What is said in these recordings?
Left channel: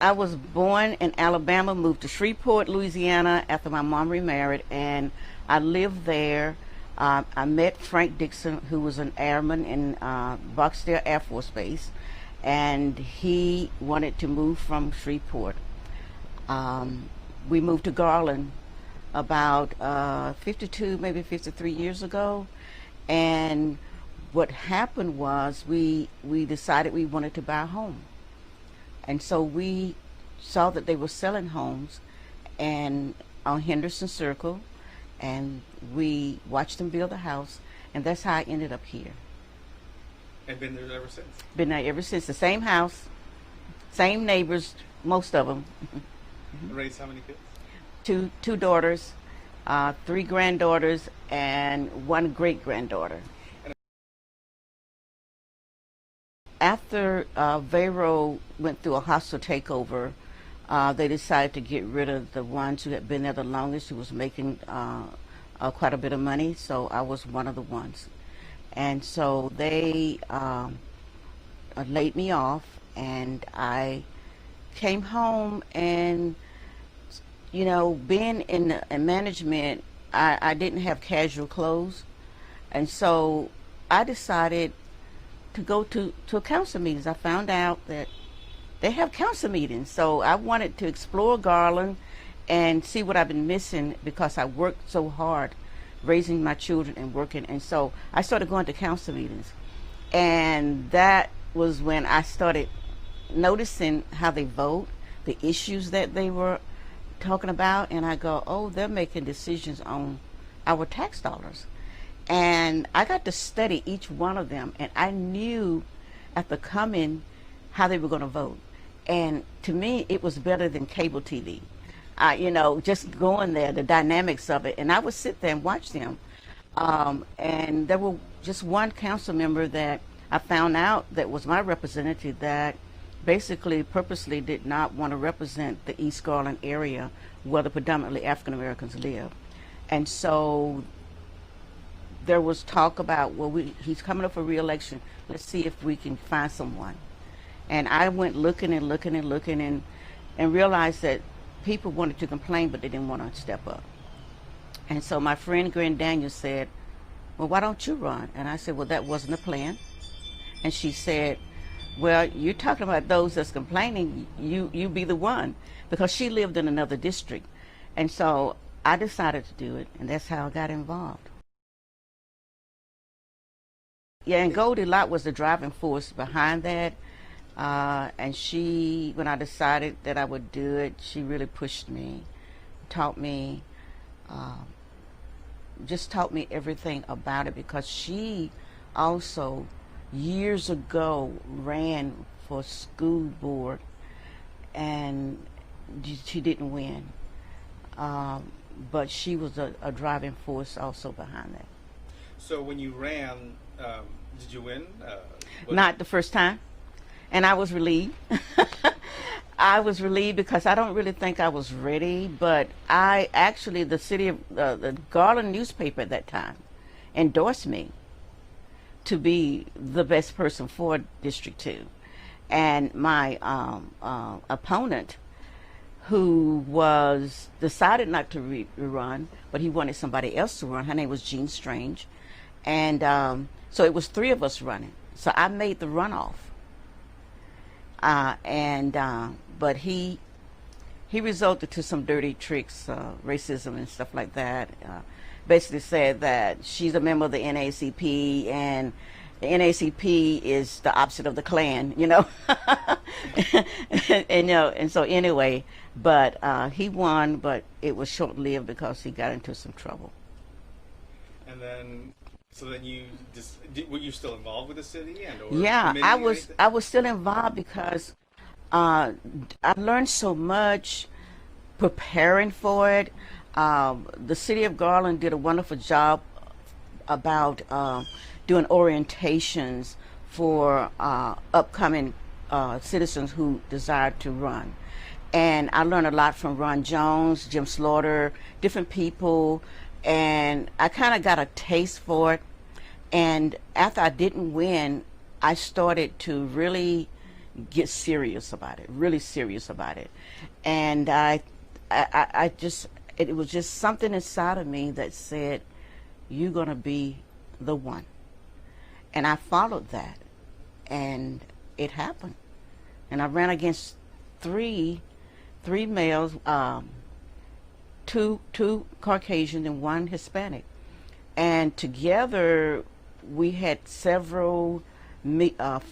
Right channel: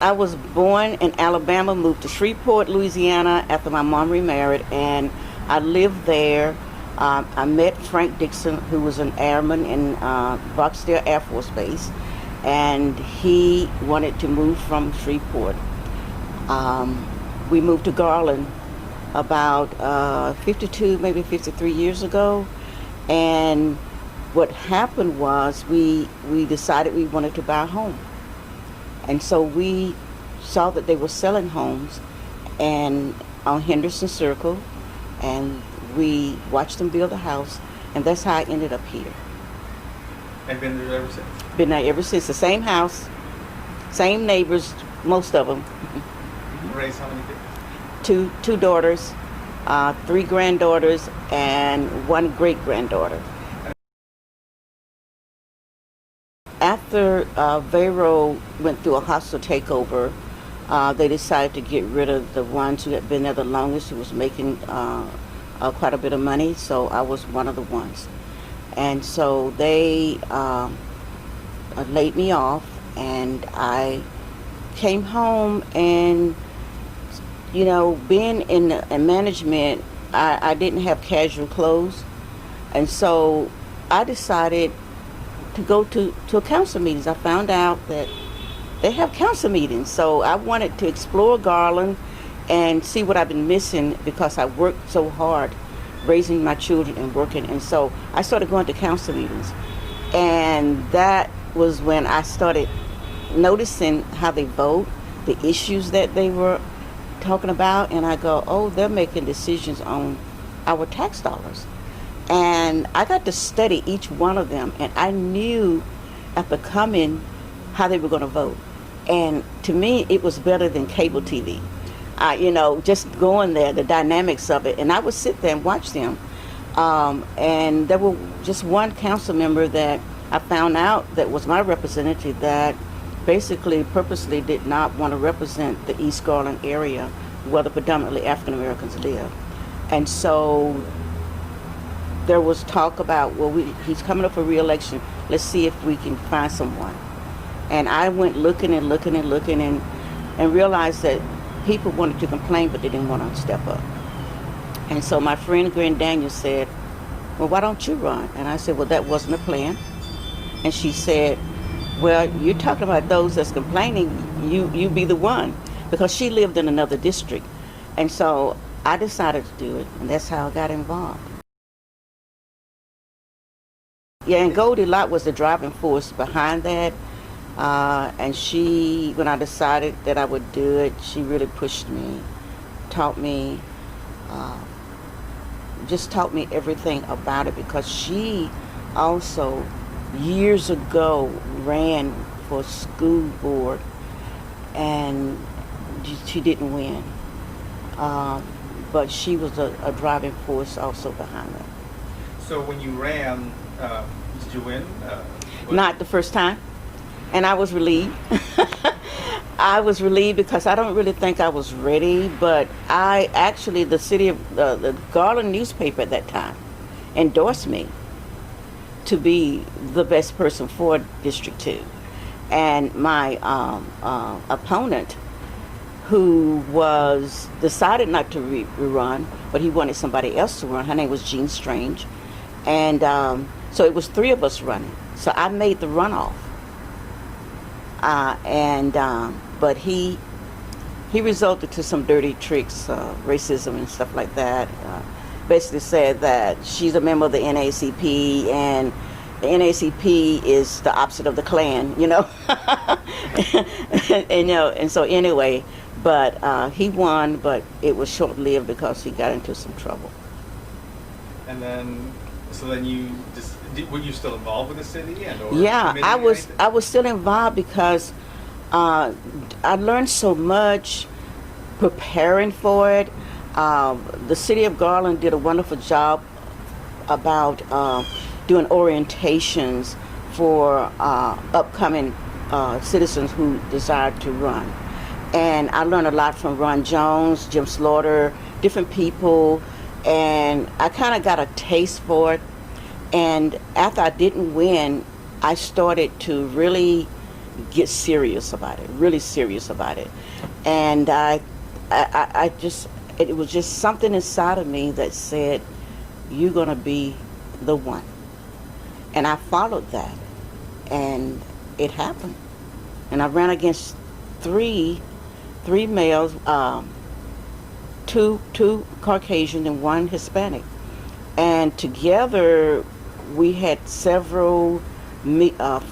I was born in Alabama, moved to Shreveport, Louisiana after my mom remarried, and I lived there. I met Frank Dickson, who was an airman in Barksdale Air Force Base, and he wanted to move from Shreveport. Um, we moved to Garland about 52, maybe 53 years ago, and what happened was we decided we wanted to buy a home. And so we saw that they were selling homes and on Henderson Circle, and we watched them build a house, and that's how I ended up here. And been there ever since? Been there ever since. The same house, same neighbors, most of them. Raised how many kids? Two daughters, three granddaughters, and one great granddaughter. After Vero went through a hostile takeover, they decided to get rid of the ones who had been there the longest, who was making quite a bit of money. So I was one of the ones. And so they laid me off, and I came home, and, you know, being in management, I didn't have casual clothes. And so I decided to go to council meetings. I found out that they have council meetings. So I wanted to explore Garland and see what I've been missing, because I worked so hard raising my children and working. And so I started going to council meetings. And that was when I started noticing how they vote, the issues that they were talking about. And I go, oh, they're making decisions on our tax dollars. And I got to study each one of them, and I knew after coming how they were going to vote. And to me, it was better than cable TV. You know, just going there, the dynamics of it. And I would sit there and watch them. And there were just one council member that I found out that was my representative that basically purposely did not want to represent the East Garland area where the predominantly African Americans live. And so there was talk about, well, he's coming up for re-election. Let's see if we can find someone. And I went looking and looking and looking, and realized that people wanted to complain, but they didn't want to step up. And so my friend Gwen Daniels said, well, why don't you run? And I said, well, that wasn't a plan. And she said, well, you're talking about those that's complaining, you be the one. Because she lived in another district. And so I decided to do it, and that's how I got involved. Yeah, and Goldie Lott was the driving force behind that. And she, when I decided that I would do it, she really pushed me, taught me, just taught me everything about it, because she also, years ago, ran for school board, and she didn't win. But she was a driving force also behind it. So when you ran, did you win? Not the first time. And I was relieved. I was relieved because I don't really think I was ready, but I actually, the city of the Garland newspaper at that time endorsed me to be the best person for District 2. And my opponent, who was decided not to rerun, but he wanted somebody else to run, her name was Jean Strange. And so it was three of us running. So I made the runoff. But he resulted to some dirty tricks, racism and stuff like that. Basically said that she's a member of the NAACP, and the NAACP is the opposite of the Klan, you know. and you know, and so anyway, but he won, but it was short-lived because he got into some trouble. And then, so then you just, were you still involved with the city? Yeah, I was still involved because I learned so much preparing for it. The city of Garland did a wonderful job about doing orientations for upcoming citizens who desired to run. And I learned a lot from Ron Jones, Jim Slaughter, different people, and I kind of got a taste for it. And after I didn't win, I started to really get serious about it, really serious about it. And I just, it was just something inside of me that said, you're going to be the one. And I followed that, and it happened. And I ran against three males, two Caucasian and one Hispanic. And together we had several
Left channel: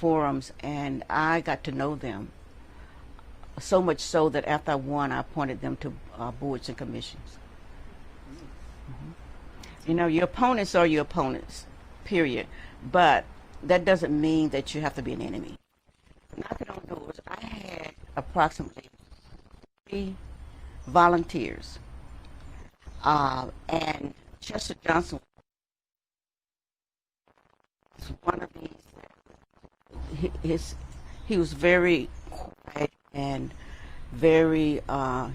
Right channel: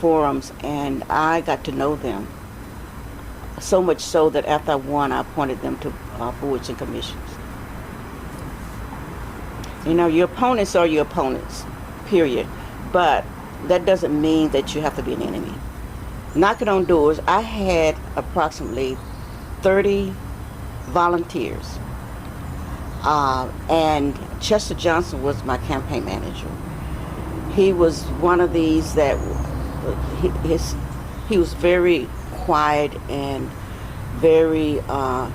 forums, and I got to know them. So much so that after I won, I appointed them to boards and commissions. You know, your opponents are your opponents, period. But that doesn't mean that you have to be an enemy. Knocking on doors, I had approximately 30 volunteers. And Chester Johnson was my campaign manager. He was one of these that he was very quiet and very,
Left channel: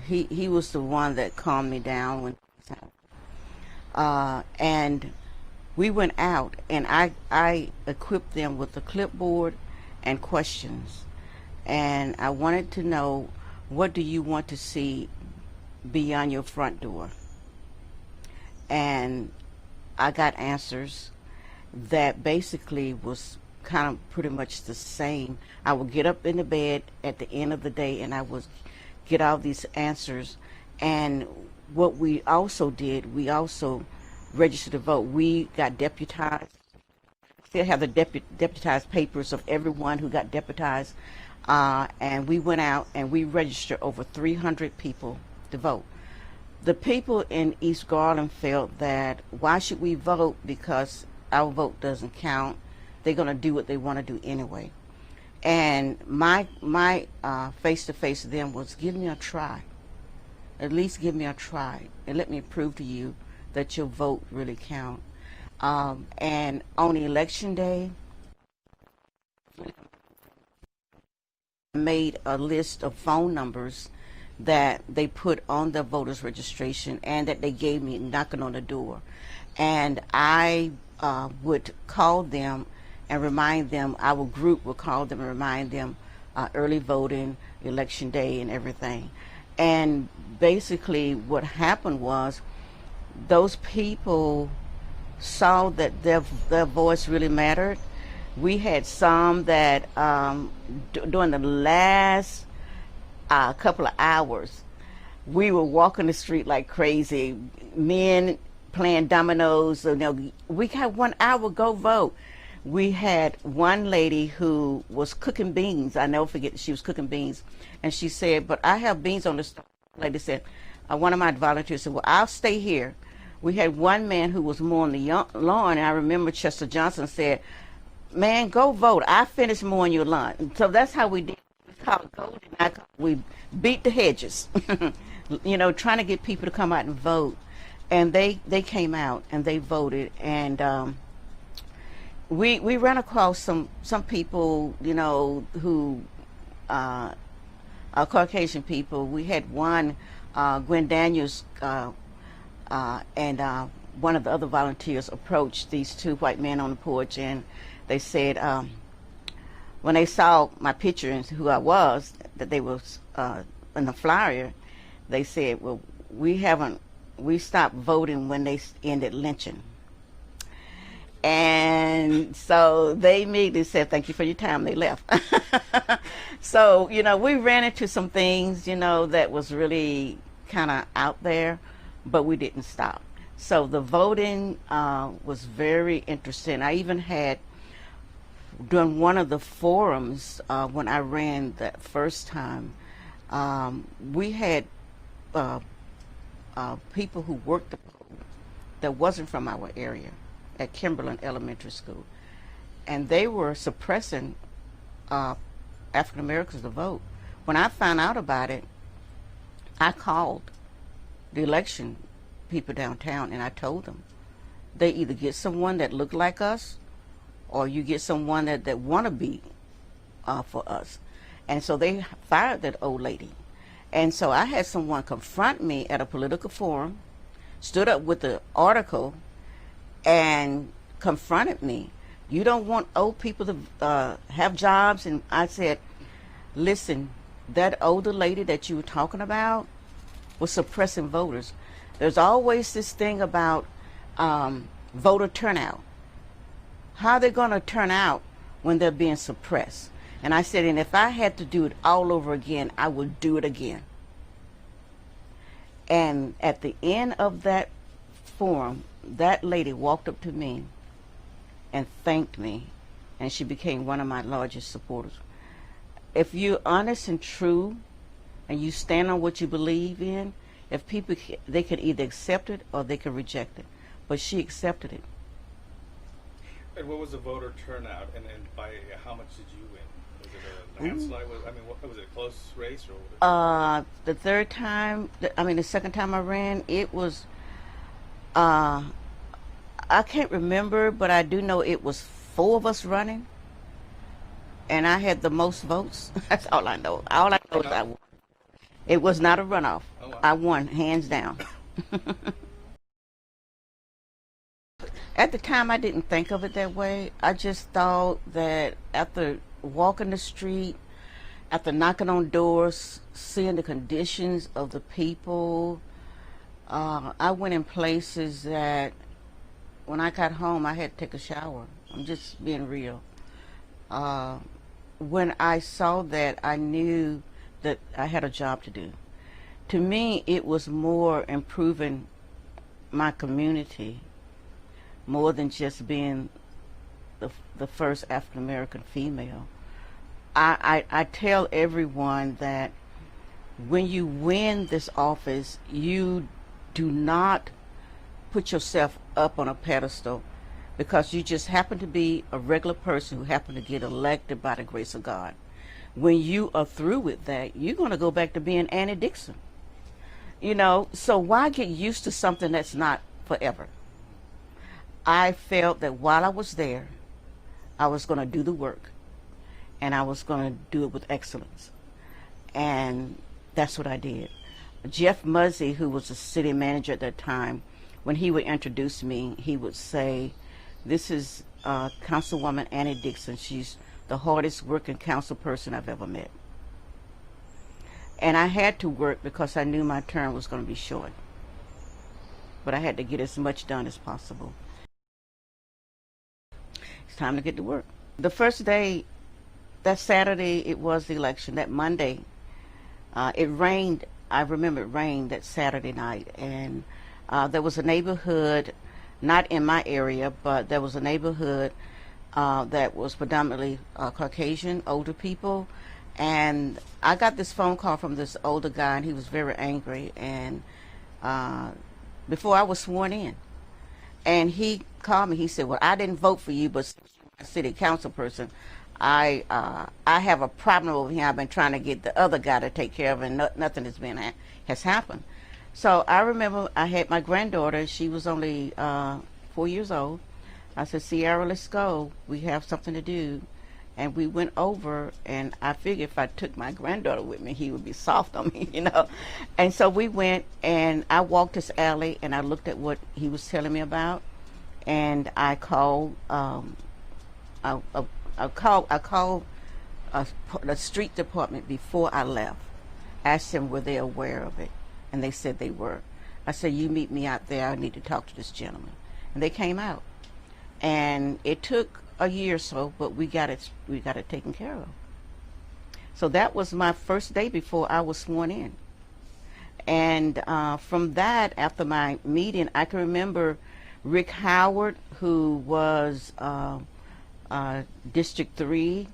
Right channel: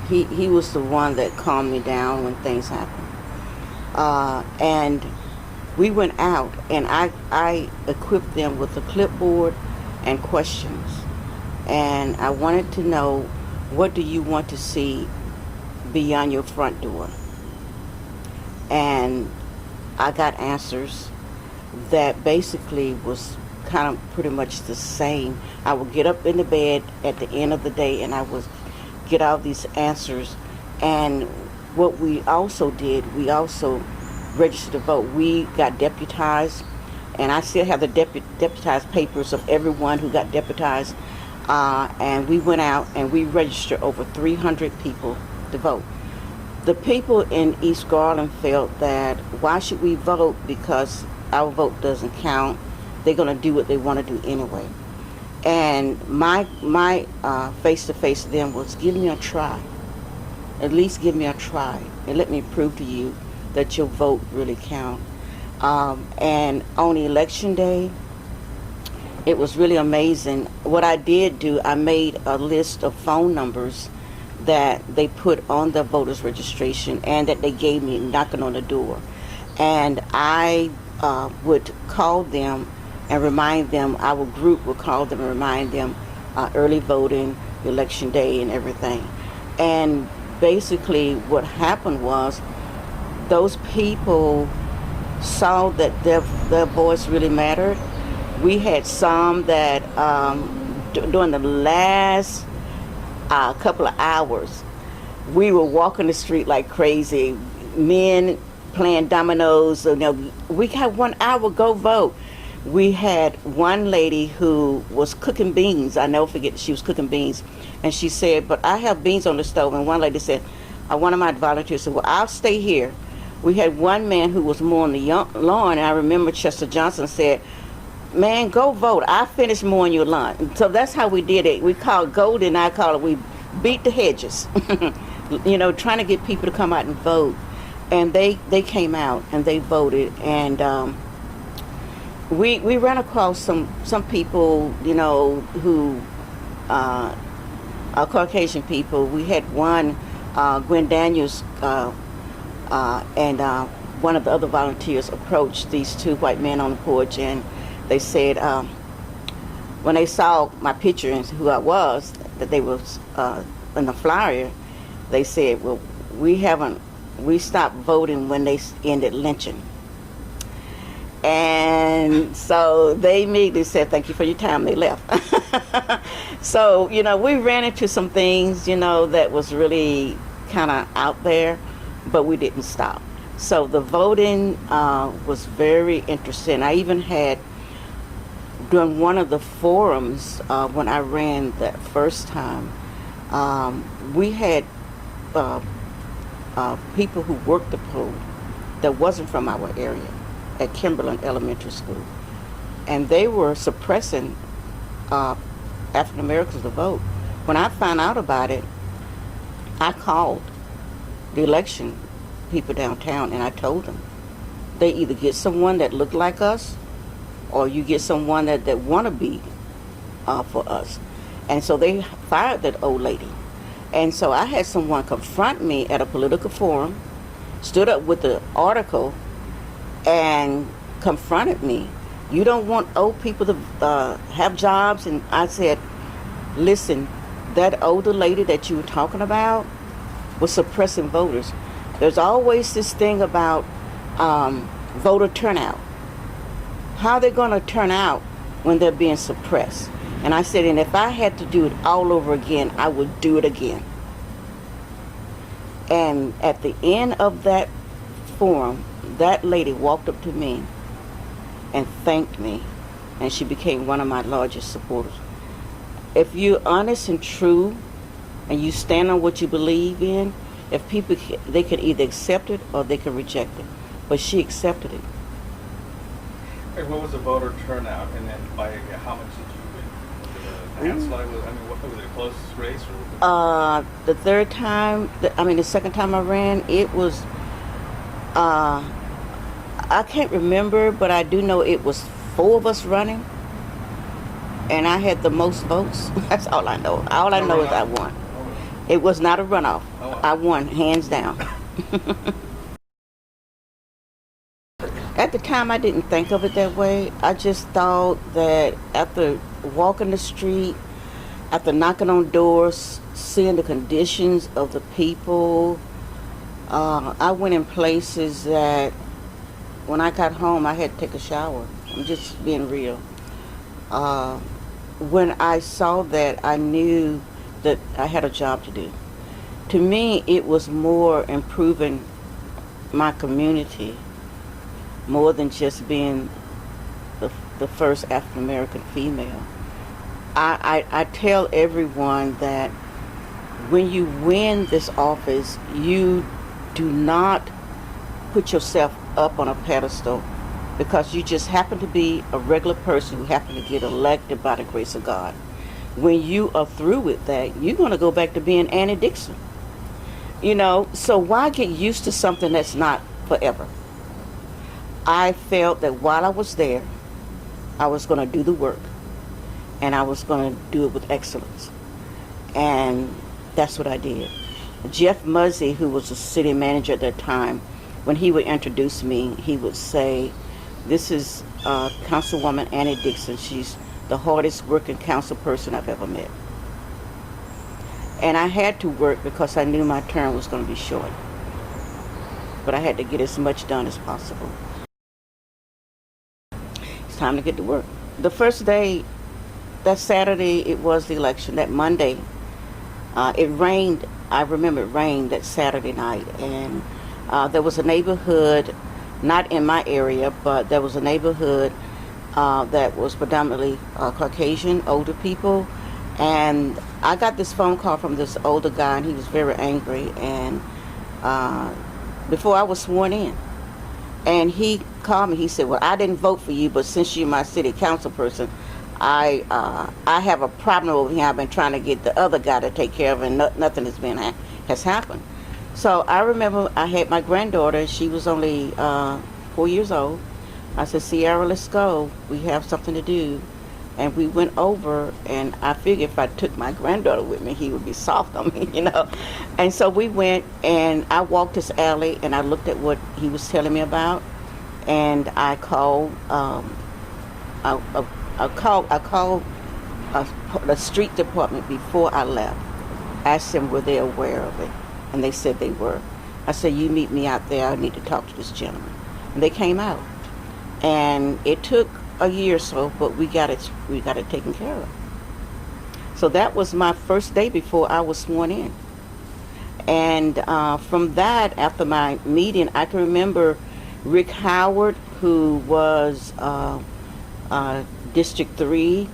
he was the one that calmed me down when things happened. And we went out, and I equipped them with a clipboard and questions. And I wanted to know, what do you want to see beyond your front door? And I got answers that basically was kind of pretty much the same. I would get up in the bed at the end of the day, and I would get all these answers. And what we also did, we also registered to vote. We got deputized, and I still have the deputized papers of everyone who got deputized. And we went out and we registered over 300 people to vote. The people in East Garland felt that, why should we vote? Because our vote doesn't count. They're going to do what they want to do anyway. And my face-to-face to them was, give me a try. At least give me a try, and let me prove to you that your vote really counts. And on election day, it was really amazing. What I did do, I made a list of phone numbers that they put on the voters registration and that they gave me knocking on the door. And I would call them and remind them, our group would call them and remind them early voting, election day, and everything. And basically what happened was, those people saw that their voice really mattered. We had some that during the last couple of hours, we were walking the street like crazy, men playing dominoes. You know, we had 1 hour, go vote. We had one lady who was cooking beans. I never forget, she was cooking beans. And she said, but I have beans on the stove. And one lady said, one of my volunteers said, well, I'll stay here. We had one man who was mowing the lawn, and I remember Chester Johnson said, man, go vote. I finished mowing your lawn. So that's how we did it. We called golden, I call it, we beat the hedges. You know, trying to get people to come out and vote. And they came out and they voted. And we ran across some people, you know, who are Caucasian people. We had one, Gwen Daniels, and one of the other volunteers approached these two white men on the porch, and they said, when they saw my picture and who I was, that they was in the flyer, they said, well, we stopped voting when they ended lynching. And so they immediately said, thank you for your time. They left. So, you know, we ran into some things, you know, that was really kind of out there, but we didn't stop. So the voting was very interesting. I even had, during one of the forums, when I ran that first time, we had people who worked the poll that wasn't from our area at Kimberland Elementary School. And they were suppressing African Americans to vote. When I found out about it, I called the election people downtown and I told them, they either get someone that looked like us, or you get someone that want to be for us. And so they fired that old lady. And so I had someone confront me at a political forum, stood up with the article and confronted me. You don't want old people to have jobs? And I said, Listen, that older lady that you were talking about was suppressing voters. There's always this thing about voter turnout. How are they going to turn out when they're being suppressed? And I said, and if I had to do it all over again, I would do it again. And at the end of that forum, that lady walked up to me and thanked me, and she became one of my largest supporters. If you're honest and true, and you stand on what you believe in, if people, they can either accept it or they can reject it. But she accepted it. And what was the voter turnout, and then by how much did you win? Was it a landslide? Was it a close race? Or The third time, the second time I ran, it was, I can't remember, but I do know it was 4 of us running, and I had the most votes. That's all I know. All I know is I won. It was not a runoff. I won, hands down. At the time, I didn't think of it that way. I just thought that after walking the street, after knocking on doors, seeing the conditions of the people, I went in places that when I got home, I had to take a shower. I'm just being real. When I saw that, I knew that I had a job to do. To me, it was more improving my community, more than just being the first African American female. I tell everyone that when you win this office, you do not put yourself up on a pedestal because you just happen to be a regular person who happened to get elected by the grace of God. When you are through with that, you're going to go back to being Annie Dickson. So why get used to something that's not forever? I felt that while I was there, I was going to do the work, and I was going to do it with excellence. And that's what I did. Jeff Muzzy, who was the city manager at that time, when he would introduce me, he would say, "This is Councilwoman Annie Dickson. She's the hardest working council person I've ever met." And I had to work because I knew my term was going to be short. But I had to get as much done as possible. It's time to get to work. The first day, that Saturday, it was the election. That Monday, it rained. I remember it rained that Saturday night. And there was a neighborhood, not in my area, but there was a neighborhood that was predominantly Caucasian, older people. And I got this phone call from this older guy, and he was very angry. And before I was sworn in, and he called me. He said, "Well, I didn't vote for you, but since you're my city council person, I have a problem over here. I've been trying to get the other guy to take care of it, and nothing has happened." So I remember I had my granddaughter. She was only 4 years old. I said, "Sierra, let's go. We have something to do." And we went over, and I figured if I took my granddaughter with me, he would be soft on me, And so we went, and I walked this alley, and I looked at what he was telling me about, and I called, the street department before I left. Asked them were they aware of it, and they said they were. I said, "You meet me out there. I need to talk to this gentleman." And they came out, and it took a year or so, but we got it taken care of. So that was my first day before I was sworn in. And from that, after my meeting, I can remember Rick Howard, who was District 3.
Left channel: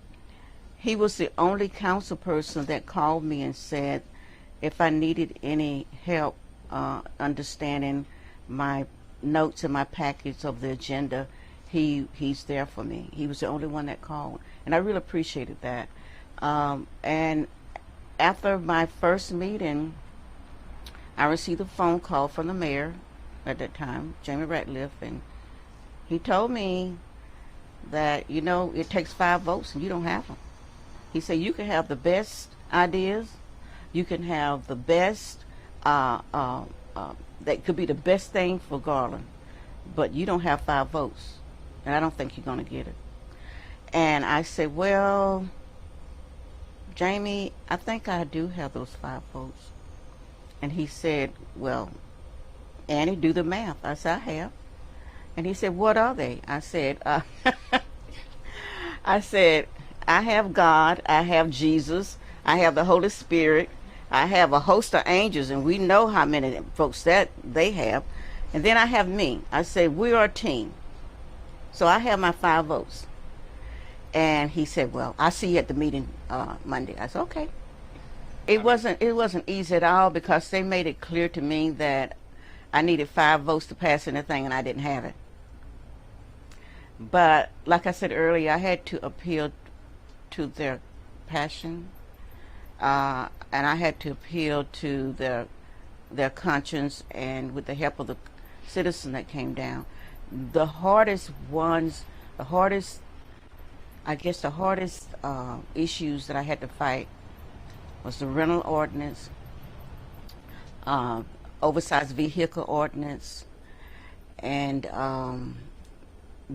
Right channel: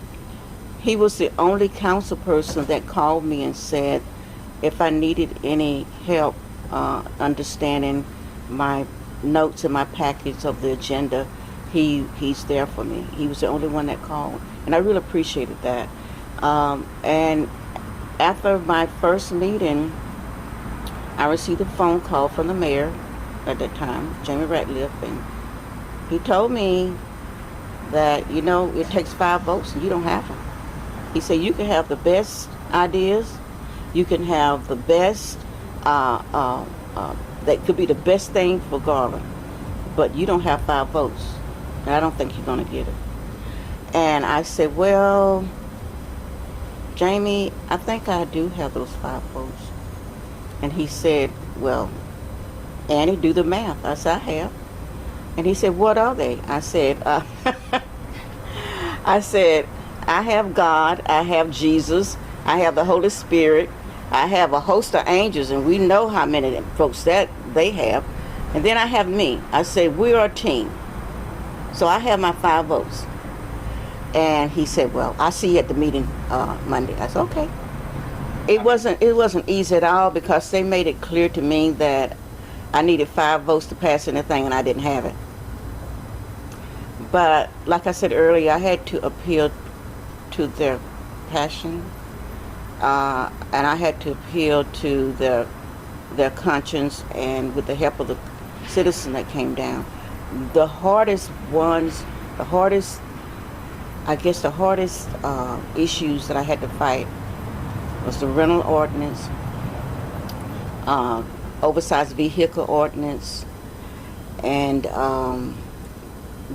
He was the only council person that called me and said if I needed any help understanding my notes in my package of the agenda, he's there for me. He was the only one that called, and I really appreciated that. And after my first meeting, I received a phone call from the mayor at that time, Jamie Ratliff, and he told me that, it takes 5 votes and you don't have them. He said, you can have the best ideas, you can have the best, that could be the best thing for Garland, but you don't have 5 votes, and I don't think you're going to get it. And I said, well, Jamie, I think I do have those 5 votes. And he said, well, Annie, do the math. I said, I have. And he said, what are they? I said, I said, I have God, I have Jesus, I have the Holy Spirit, I have a host of angels, and we know how many folks that they have. And then I have me. I said, we are a team. So I have my 5 votes. And he said, well, I'll see you at the meeting Monday. I said, okay. It wasn't easy at all because they made it clear to me that I needed 5 votes to pass anything, and I didn't have it. But like I said earlier, I had to appeal to their passion, and I had to appeal to their conscience, and with the help of the citizen that came down. The hardest issues that I had to fight was the rental ordinance, oversized vehicle ordinance, and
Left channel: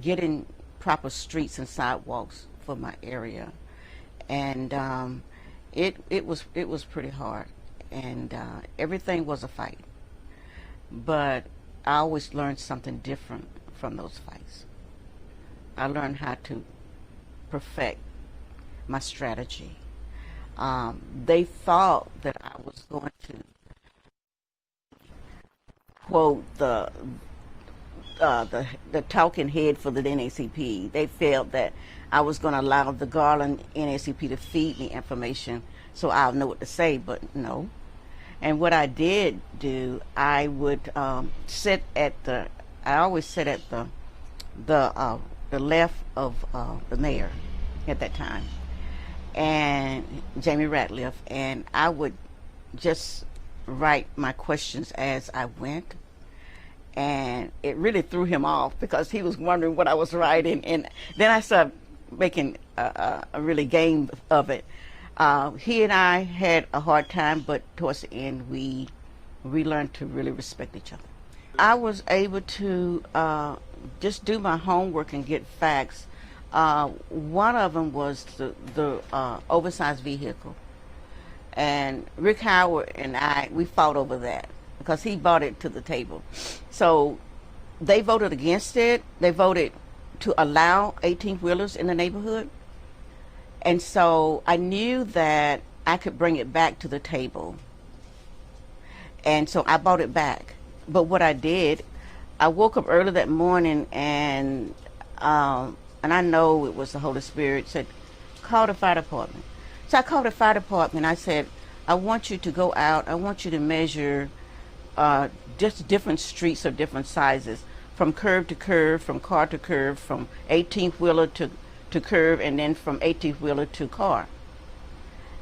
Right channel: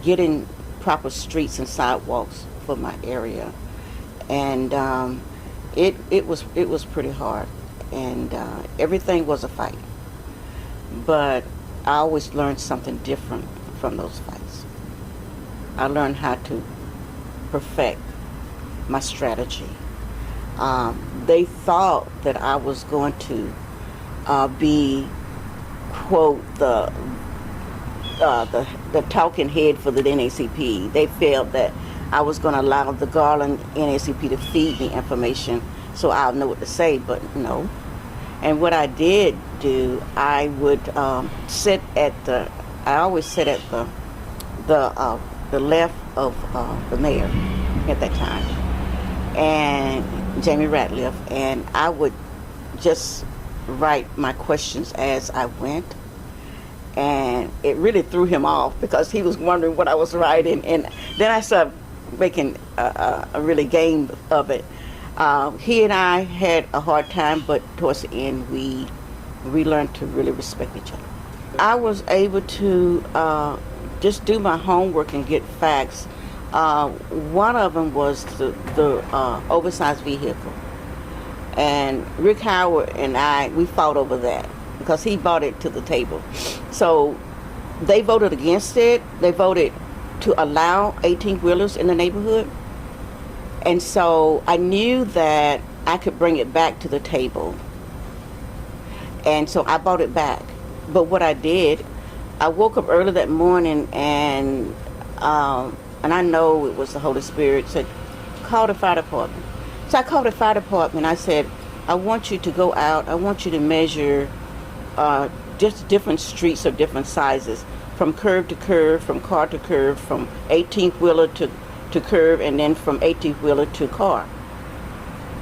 getting proper streets and sidewalks for my area. And it was pretty hard, and everything was a fight. But I always learned something different from those fights. I learned how to perfect my strategy. They thought that I was going to be, quote, the talking head for the NAACP. They felt that I was going to allow the Garland NAACP to feed me information so I'll know what to say, but no. And what I did do, I would I always sit at the left of the mayor at that time, and Jamie Ratliff, and I would just write my questions as I went. And it really threw him off because he was wondering what I was writing, and then I started making a really game of it. He and I had a hard time, but towards the end we learned to really respect each other. I was able to just do my homework and get facts. One of them was the oversized vehicle, and Rick Howard and we fought over that because he brought it to the table. So they voted against it. They voted to allow 18-wheelers in the neighborhood. And so I knew that I could bring it back to the table. And so I brought it back. But what I did, I woke up early that morning, and I know it was the Holy Spirit, said, call the fire department. So I called the fire department. I said, I want you to go out. I want you to measure just different streets of different sizes, from curb to curb, from car to curb, from 18-wheeler to curb, and then from 18-wheeler to car.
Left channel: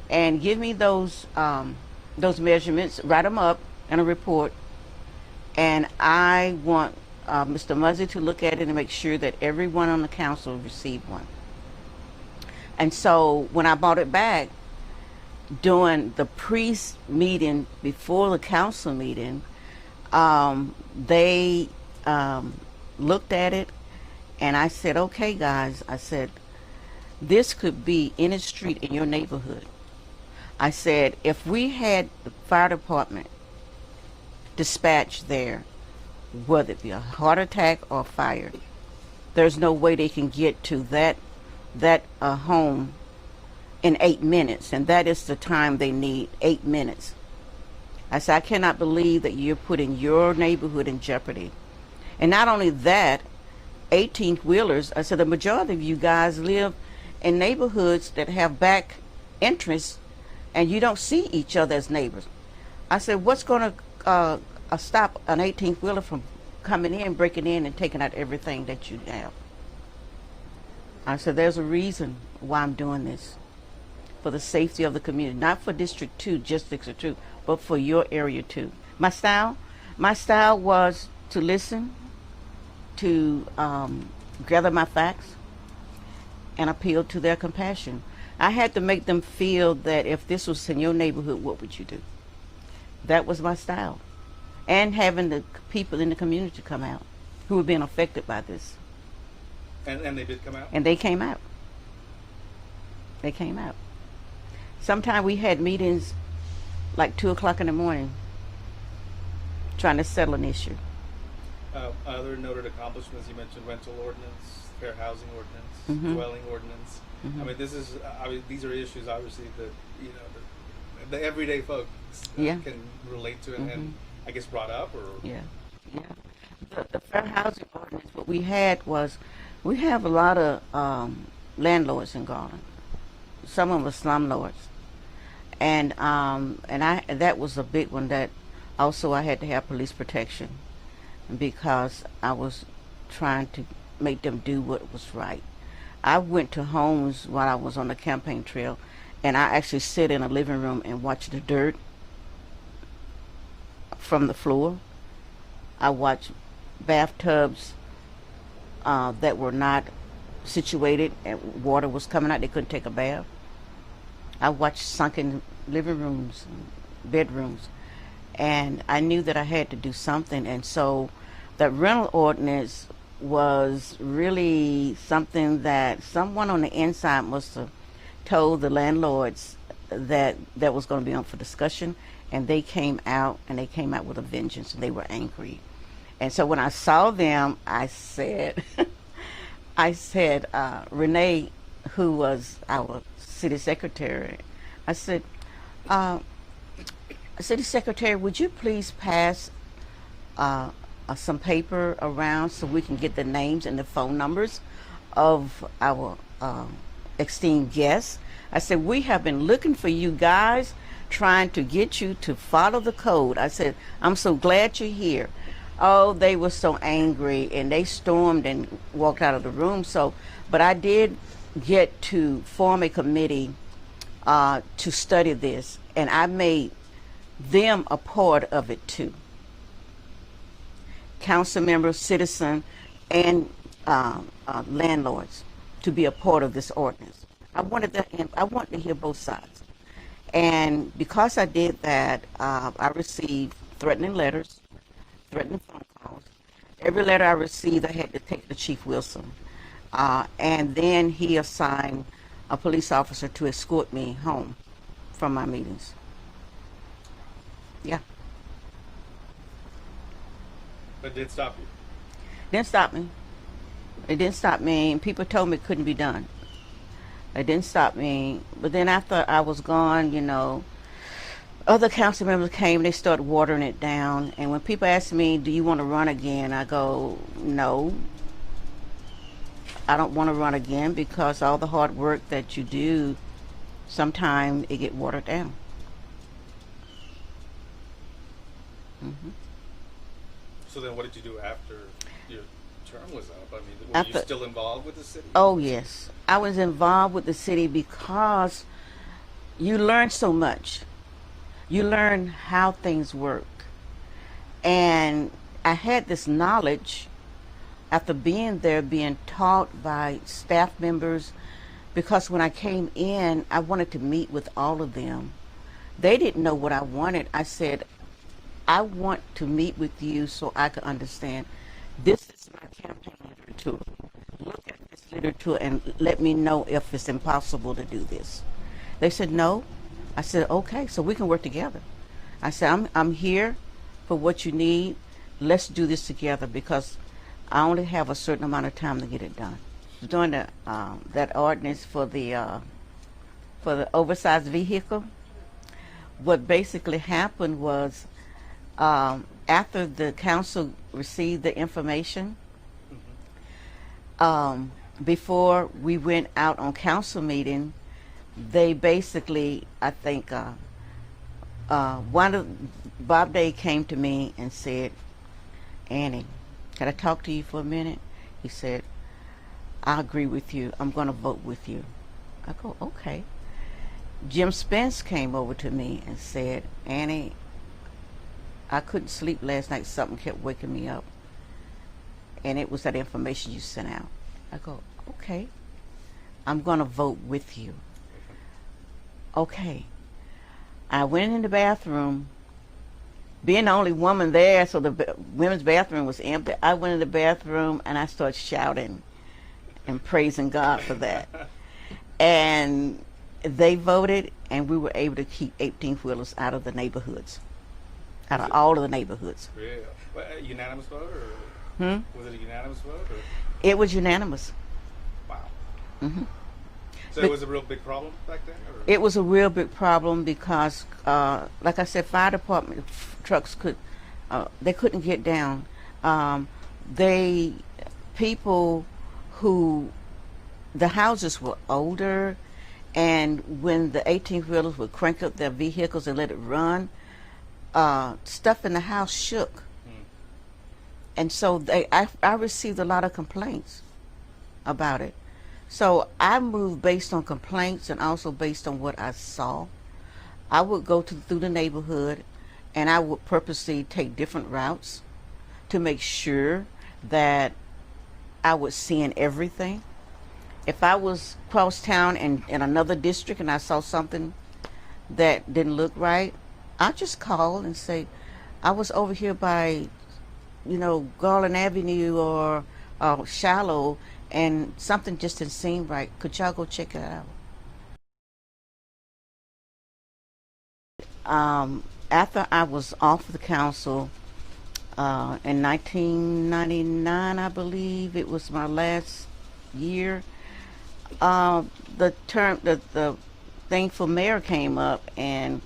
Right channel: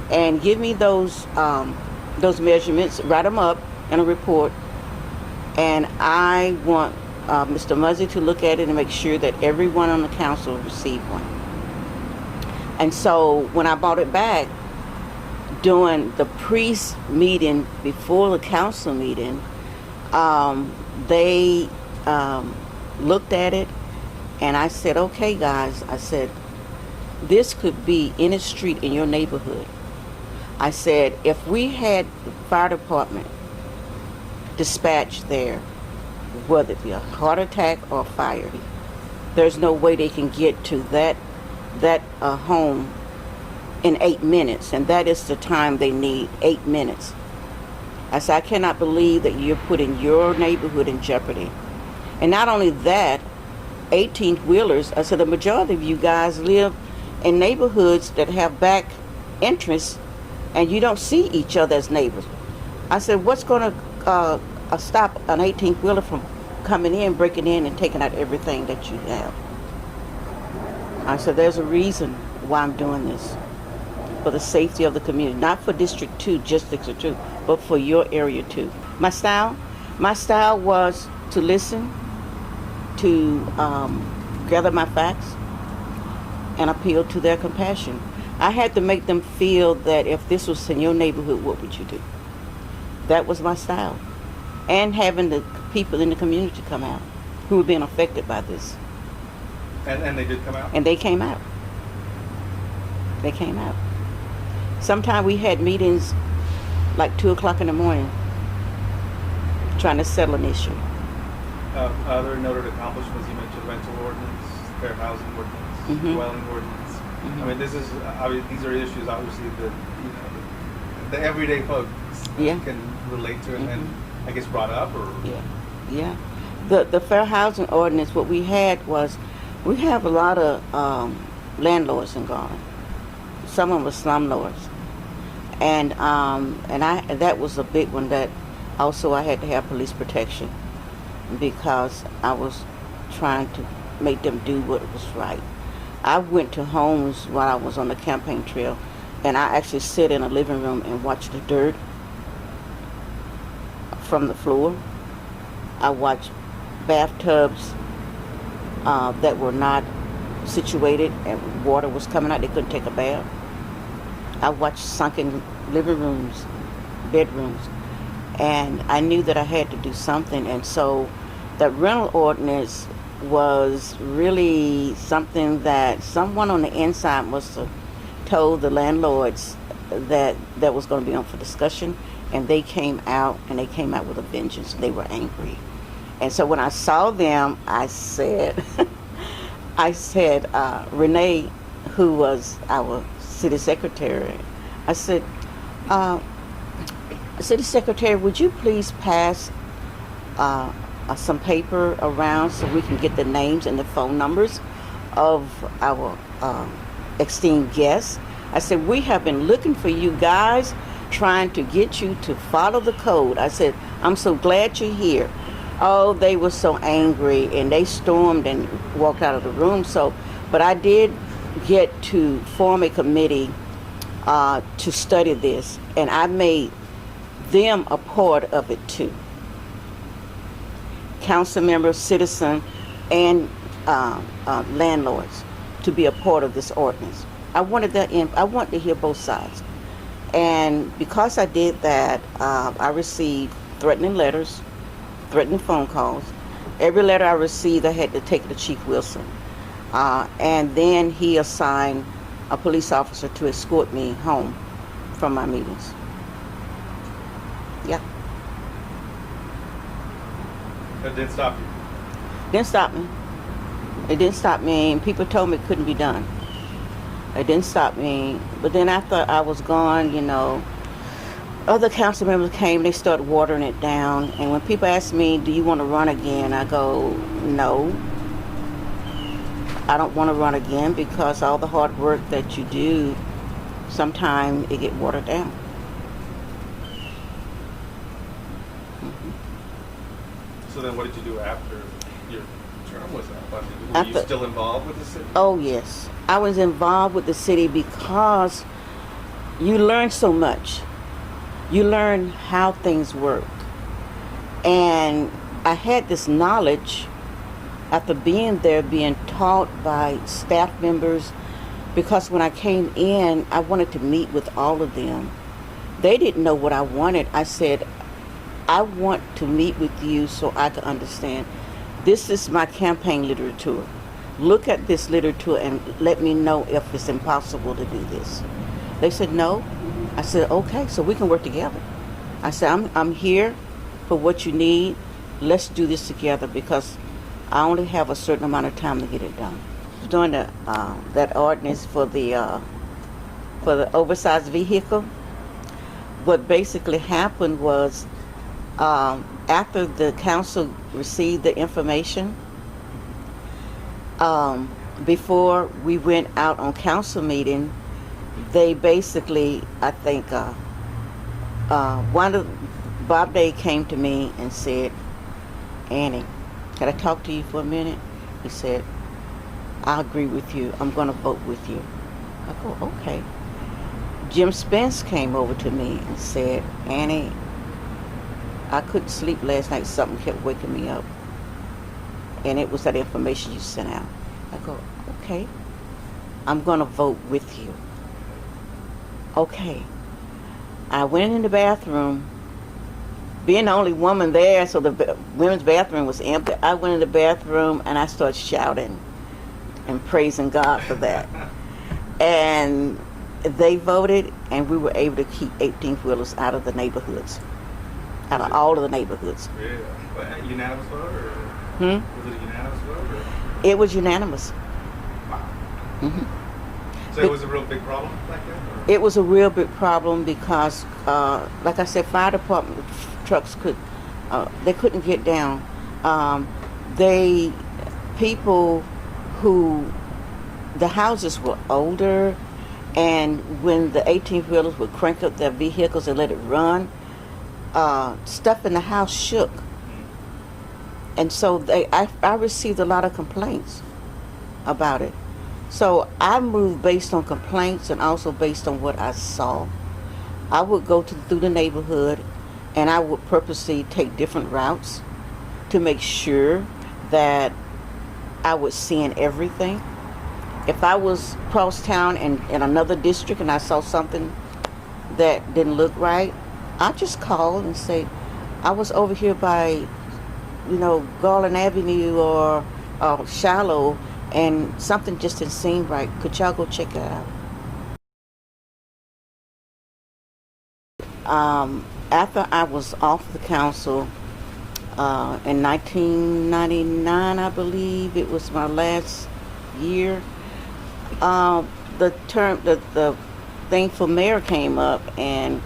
And give me those measurements, write them up in a report, and I want Mr. Muzzy to look at it and make sure that everyone on the council received one. And so when I brought it back, during the pre-meeting before the council meeting, they looked at it, and I said, okay guys, I said, this could be any street in your neighborhood. I said, if we had the fire department dispatched there, whether it be a heart attack or fire, there's no way they can get to that home in 8 minutes, and that is the time they need, 8 minutes. I said, I cannot believe that you're putting your neighborhood in jeopardy. And not only that, 18-wheelers, I said, the majority of you guys live in neighborhoods that have back entrance, and you don't see each other as neighbors. I said, what's going to stop an 18-wheeler from coming in, breaking in, and taking out everything that you have? I said, there's a reason why I'm doing this. For the safety of the community, not for District 2, just District 2, but for your area too. My style was to listen, to gather my facts, and appeal to their compassion. I had to make them feel that if this was in your neighborhood, what would you do? That was my style. And having the people in the community come out who were being affected by this. And they did come out? And they came out. They came out. Sometimes we had meetings like 2 o'clock in the morning trying to settle an issue. Other noted accomplishments, you mentioned rental ordinance, fair housing ordinance, Mhm. dwelling ordinance. Mhm. I mean, this is, I mean, these are issues obviously that, you know, the everyday folks Yeah. can relate to and Mhm. I guess brought up or. Yeah. The fair housing ordinance, what we had was, we have a lot of landlords in Garland. Some of them were slumlords. And that was a big one that also I had to have police protection because I was trying to make them do what was right. I went to homes while I was on the campaign trail, and I actually sit in a living room and watch the dirt from the floor. I watched bathtubs that were not situated and water was coming out. They couldn't take a bath. I watched sunken living rooms, bedrooms, and I knew that I had to do something. And so the rental ordinance was really something that someone on the inside must have told the landlords that was going to be on for discussion, and they came out with a vengeance. They were angry. And so when I saw them, I said, Renee, who was our city secretary, I said, city secretary, would you please pass some paper around so we can get the names and the phone numbers of our esteemed guests? I said, we have been looking for you guys, trying to get you to follow the code. I said, I'm so glad you're here. Oh, they were so angry, and they stormed and walked out of the room. So, but I did get to form a committee to study this, and I made them a part of it too. Council members, citizens, and landlords to be a part of this ordinance. I wanted to hear both sides, and because I did that, I received threatening letters, threatening phone calls. Every letter I received, I had to take it to Chief Wilson, and then he assigned a police officer to escort me home from my meetings. Yeah. That didn't stop you. Didn't stop me. It didn't stop me. People told me it couldn't be done. It didn't stop me. But then after I was gone, other council members came. They started watering it down. And when people ask me, do you want to run again? I go, no. I don't want to run again because all the hard work that you do, sometimes it get watered down. So then what did you do after your term was up? I mean, were you still involved with the city? Oh, yes. I was involved with the city because you learn so much. You learn how things work. And I had this knowledge after being there, being taught by staff members, because when I came in, I wanted to meet with all of them. They didn't know what I wanted. I said, I want to meet with you so I can understand. This is my campaign literature. Look at this literature and let me know if it's impossible to do this. They said no. I said, okay, so we can work together. I said, I'm here for what you need. Let's do this together because I only have a certain amount of time to get it done. Doing that ordinance for the oversized vehicle, what basically happened was after the council received the information, before we went out on council meeting, they basically, I think, Bob Day came to me and said, Annie, can I talk to you for a minute? He said, I agree with you. I'm going to vote with you. I go, okay. Jim Spence came over to me and said, Annie, I couldn't sleep last night. Something kept waking me up. And it was that information you sent out. I go, okay. I'm going to vote with you. Okay. I went in the bathroom. Being the only woman there, so the women's bathroom was empty. I went in the bathroom and I started shouting and praising God for that. And they voted, and we were able to keep 18-wheelers out of the neighborhoods, out of all of the neighborhoods. Yeah. Well, a unanimous vote, or Hmm? was it a unanimous vote? Or? It was unanimous. Wow. Hmm. So it was a real big problem back then? Or? It was a real big problem because, like I said, fire department trucks they couldn't get down. People who, the houses were older, and when the 18-wheelers would crank up their vehicles and let it run, stuff in the house shook. And so I received a lot of complaints about it. So I moved based on complaints and also based on what I saw. I would go through the neighborhood, and I would purposely take different routes to make sure that I was seeing everything. If I was across town in another district and I saw something that didn't look right, I'd just call and say, I was over here by, Garland Avenue or Shallow, and something just didn't seem right. Could y'all go check that out? After I was off the council in 1999, I believe it was my last year, the thing for mayor came up, and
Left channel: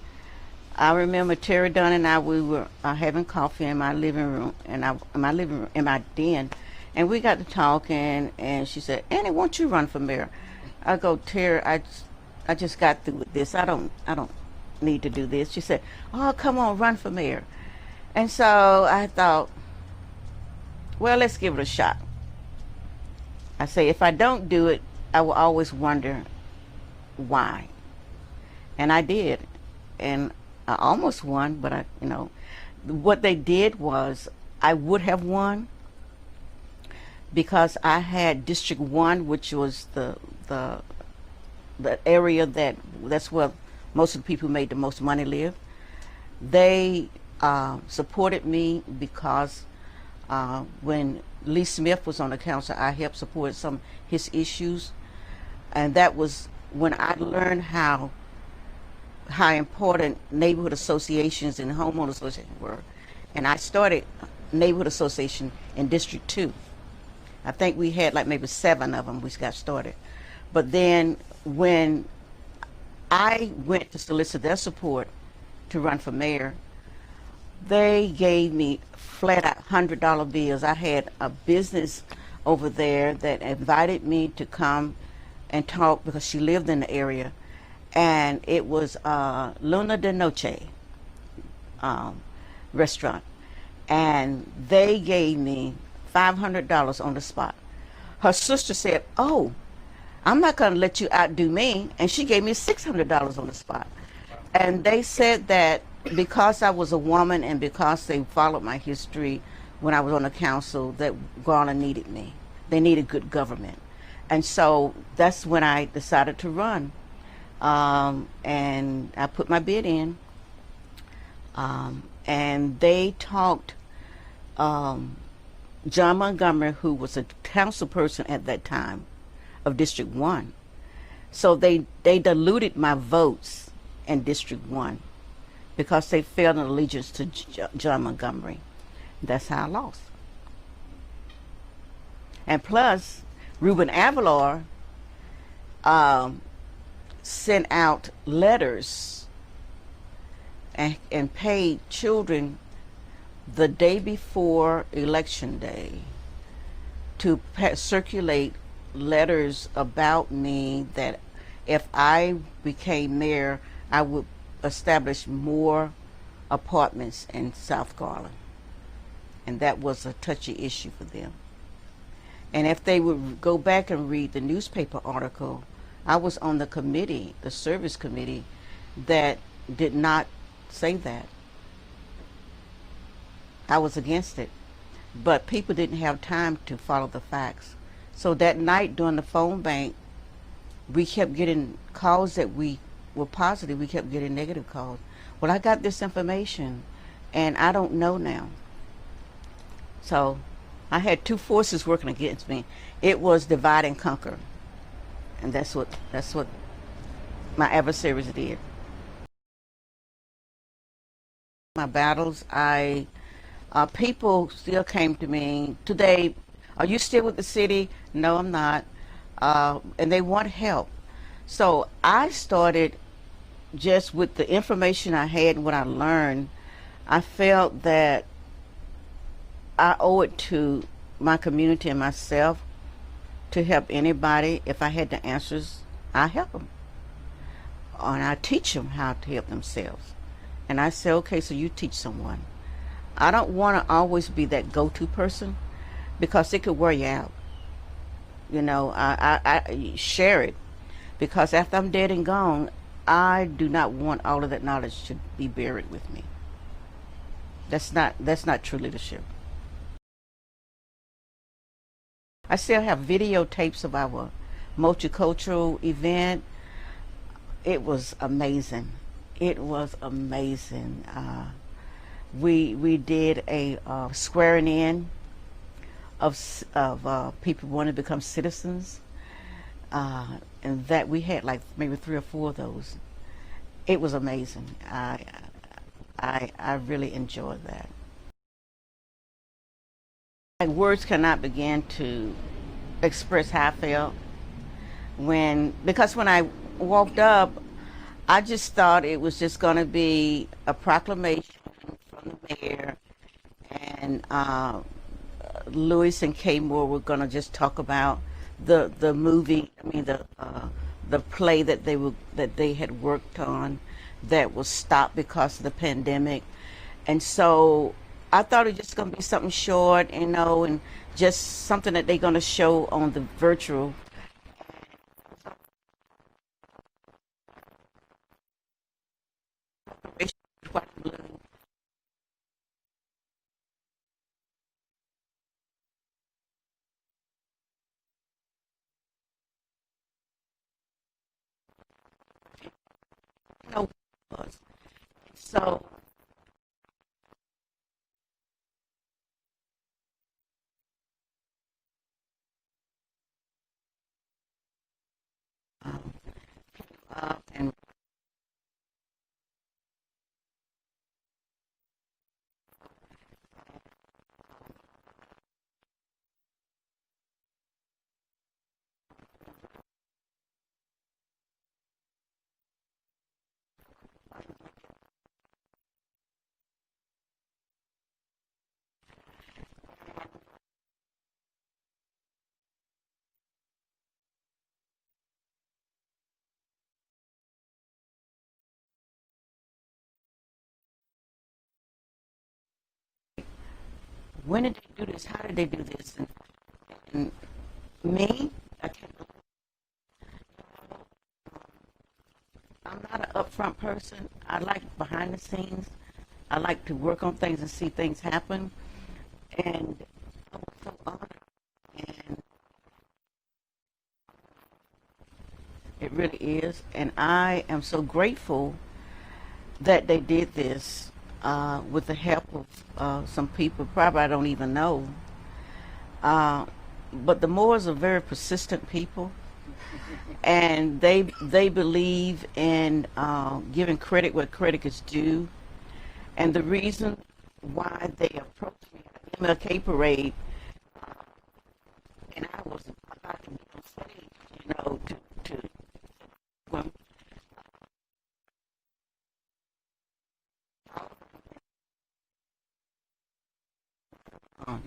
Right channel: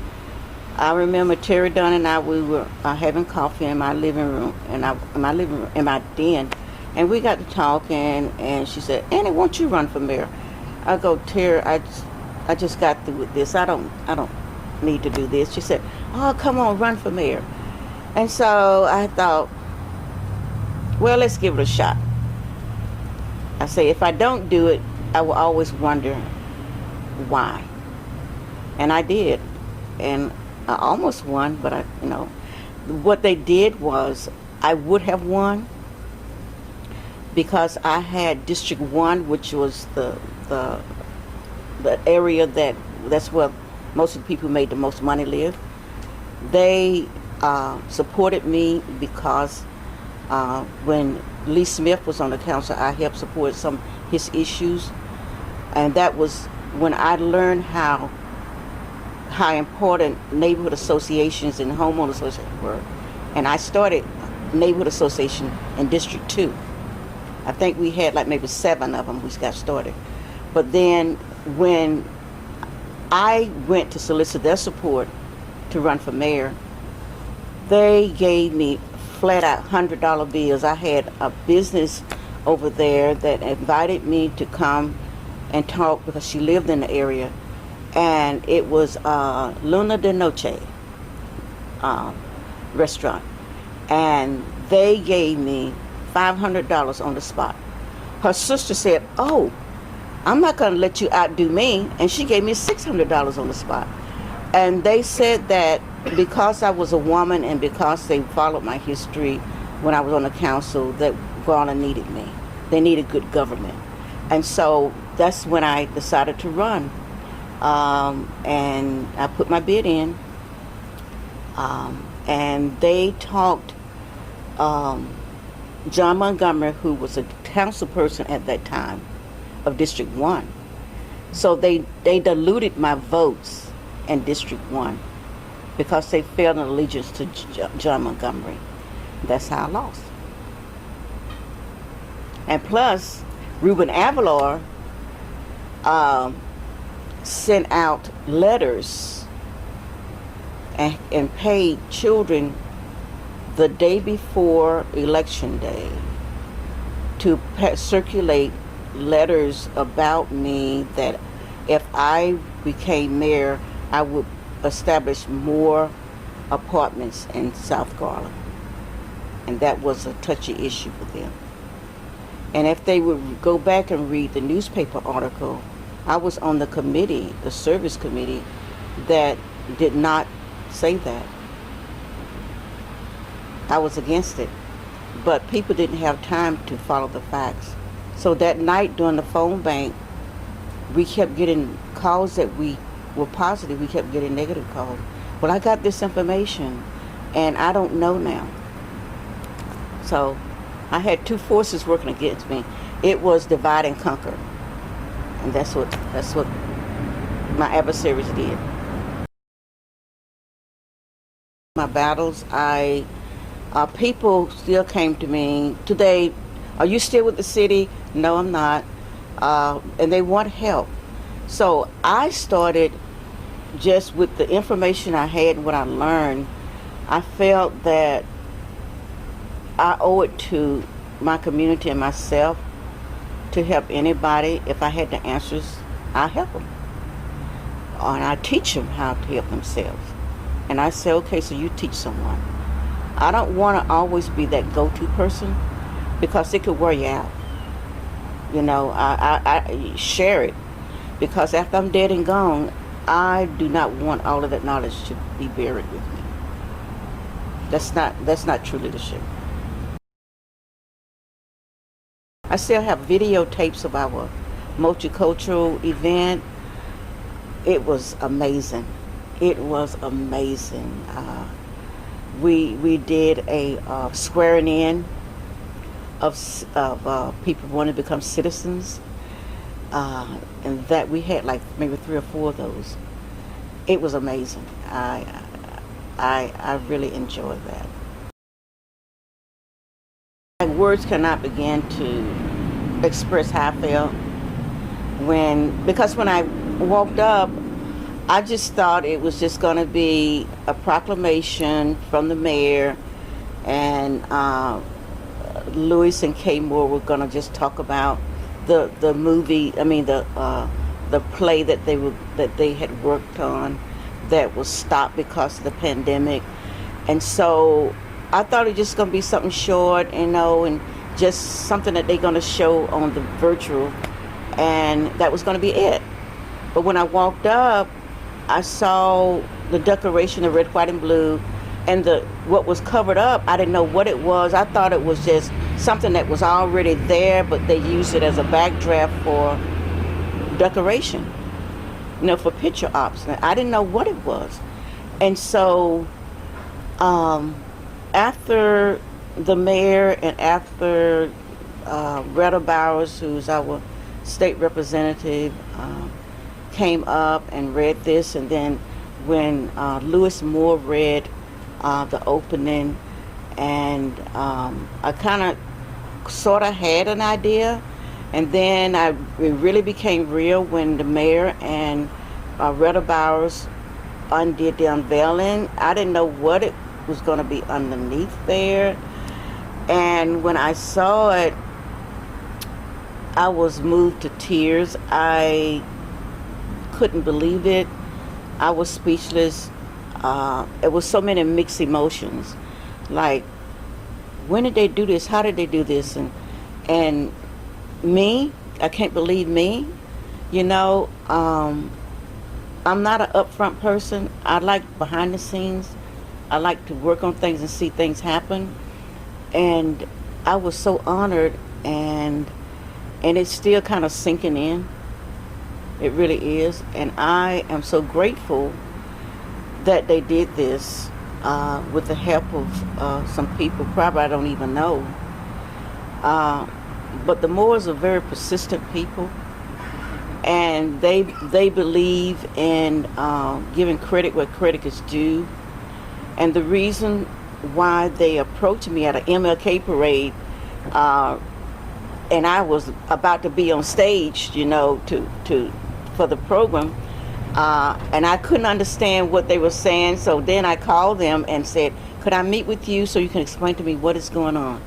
I remember Terry Dunn and I, we were having coffee in my living room, in my den, and we got to talking, and she said, Annie, won't you run for mayor? I go, Terry, I just got through with this. I don't need to do this. She said, oh, come on, run for mayor. And so I thought, well, let's give it a shot. I say, if I don't do it, I will always wonder why. And I did. And I almost won, but what they did was I would have won because I had District 1, which was the area that's where most of the people who made the most money live. They supported me because when Lee Smith was on the council, I helped support some of his issues. And that was when I learned how important neighborhood associations and homeowner associations were. And I started neighborhood association in District 2. I think we had like maybe 7 of them we got started. But then when I went to solicit their support to run for mayor, they gave me flat out $100 bills. I had a business over there that invited me to come and talk because she lived in the area, and it was Luna de Noche restaurant, and they gave me $500 on the spot. Her sister said, oh, I'm not going to let you outdo me, and she gave me $600 on the spot. And they said that because I was a woman and because they followed my history when I was on the council, that Garland needed me. They needed good government. And so that's when I decided to run. And I put my bid in. And they talked John Montgomery, who was a council person at that time of District 1. So they diluted my votes in District 1 because they felt an allegiance to John Montgomery. That's how I lost. And plus, Ruben Avalar sent out letters and paid children the day before Election Day to circulate letters about me that if I became mayor, I would establish more apartments in South Garland. And that was a touchy issue for them. And if they would go back and read the newspaper article, I was on the committee, the service committee, that did not say that. I was against it. But people didn't have time to follow the facts. So that night during the phone bank, we kept getting calls that we were positive. We kept getting negative calls. Well, I got this information, and I don't know now. So I had two forces working against me. It was divide and conquer. And that's what my adversaries did. My battles, people still came to me today. Are you still with the city? No, I'm not. And they want help. So I started just with the information I had and what I learned. I felt that I owe it to my community and myself to help anybody. If I had the answers, I help them. And I teach them how to help themselves. And I say, okay, so you teach someone. I don't want to always be that go-to person because it could wear you out. You know, I share it because after I'm dead and gone, I do not want all of that knowledge to be buried with me. That's not true leadership. I still have videotapes of our multicultural event. It was amazing. It was amazing. We did a swearing in of people who wanting to become citizens, and that we had like maybe 3 or 4 of those. It was amazing. I really enjoyed that. Words cannot begin to express how I felt because when I walked up, I just thought it was just going to be a proclamation from the mayor, and Lewis and Kay Moore were going to just talk about the movie. I mean the play that they had worked on that was stopped because of the pandemic, and so I thought it was just going to be something short, and just something that they're going to show on the virtual, and that was going to be it. But when I walked up, I saw the decoration of red, white, and blue, and what was covered up, I didn't know what it was. I thought it was just something that was already there, but they used it as a backdraft for decoration, for picture ops. I didn't know what it was. And so after the mayor and after Retta Bowers, who's our state representative, came up and read this, and then when Lewis Moore read the opening, and I kind of sort of had an idea, and then it really became real when the mayor and Retta Bowers undid the unveiling. I didn't know what it was going to be underneath there, and when I saw it, I was moved to tears. I couldn't believe it. I was speechless. It was so many mixed emotions. Like, when did they do this? How did they do this? And me, I can't believe me. I'm not an upfront person. I like behind the scenes. I like to work on things and see things happen. And I was so honored, and it's still kind of sinking in. It really is. And I am so grateful that they did this with the help of some people probably I don't even know. But the Moores are very persistent people, and they believe in giving credit where credit is due. And the reason why they approached me at an MLK parade, and I was about to be on stage, for the program, and I couldn't understand what they were saying. So then I called them and said, "Could I meet with you so you can explain to me what is going on?"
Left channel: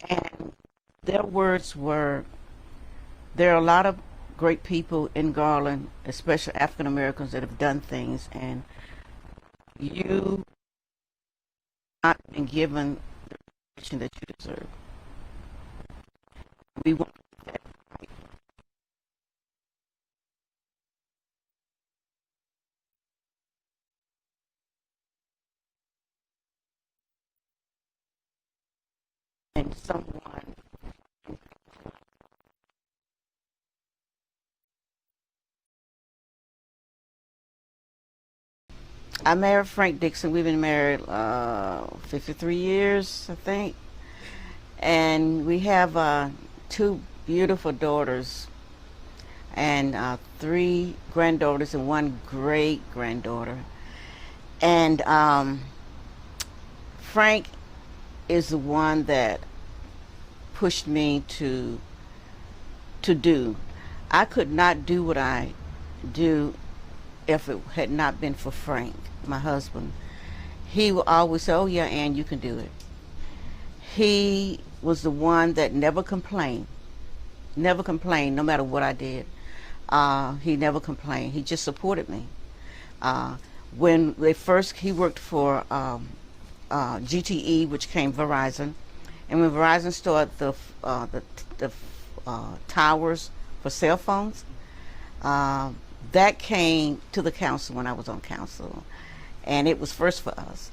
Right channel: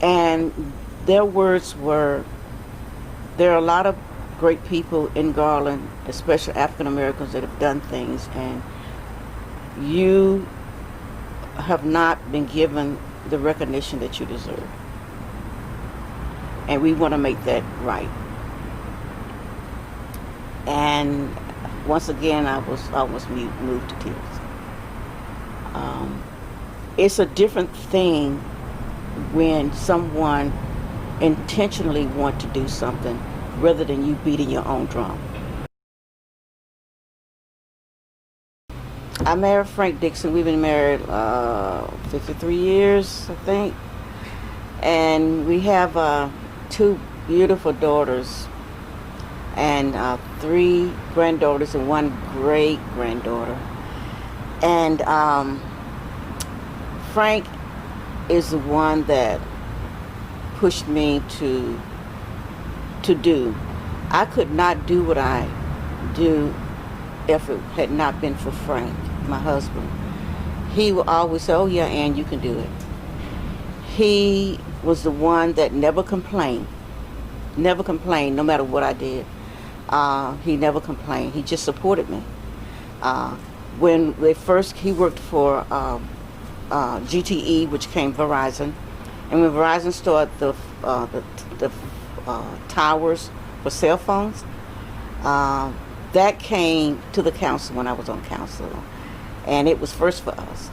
And their words were, "There are a lot of great people in Garland, especially African Americans, that have done things, and you have not been given the recognition that you deserve. And we want to make that right." And once again, I was almost moved to tears. It's a different thing when someone intentionally wants to do something rather than you beating your own drum. I married Frank Dickson. We've been married 53 years, I think. And we have 2 beautiful daughters and 3 granddaughters and 1 great granddaughter. And Frank is the one that pushed me to do. I could not do what I do if it had not been for Frank, my husband. He would always say, "Oh yeah, Ann, you can do it." He was the one that never complained, no matter what I did. He never complained. He just supported me. When he worked for GTE, which came Verizon, and when Verizon started the towers for cell phones, that came to the council when I was on council, and it was first for us.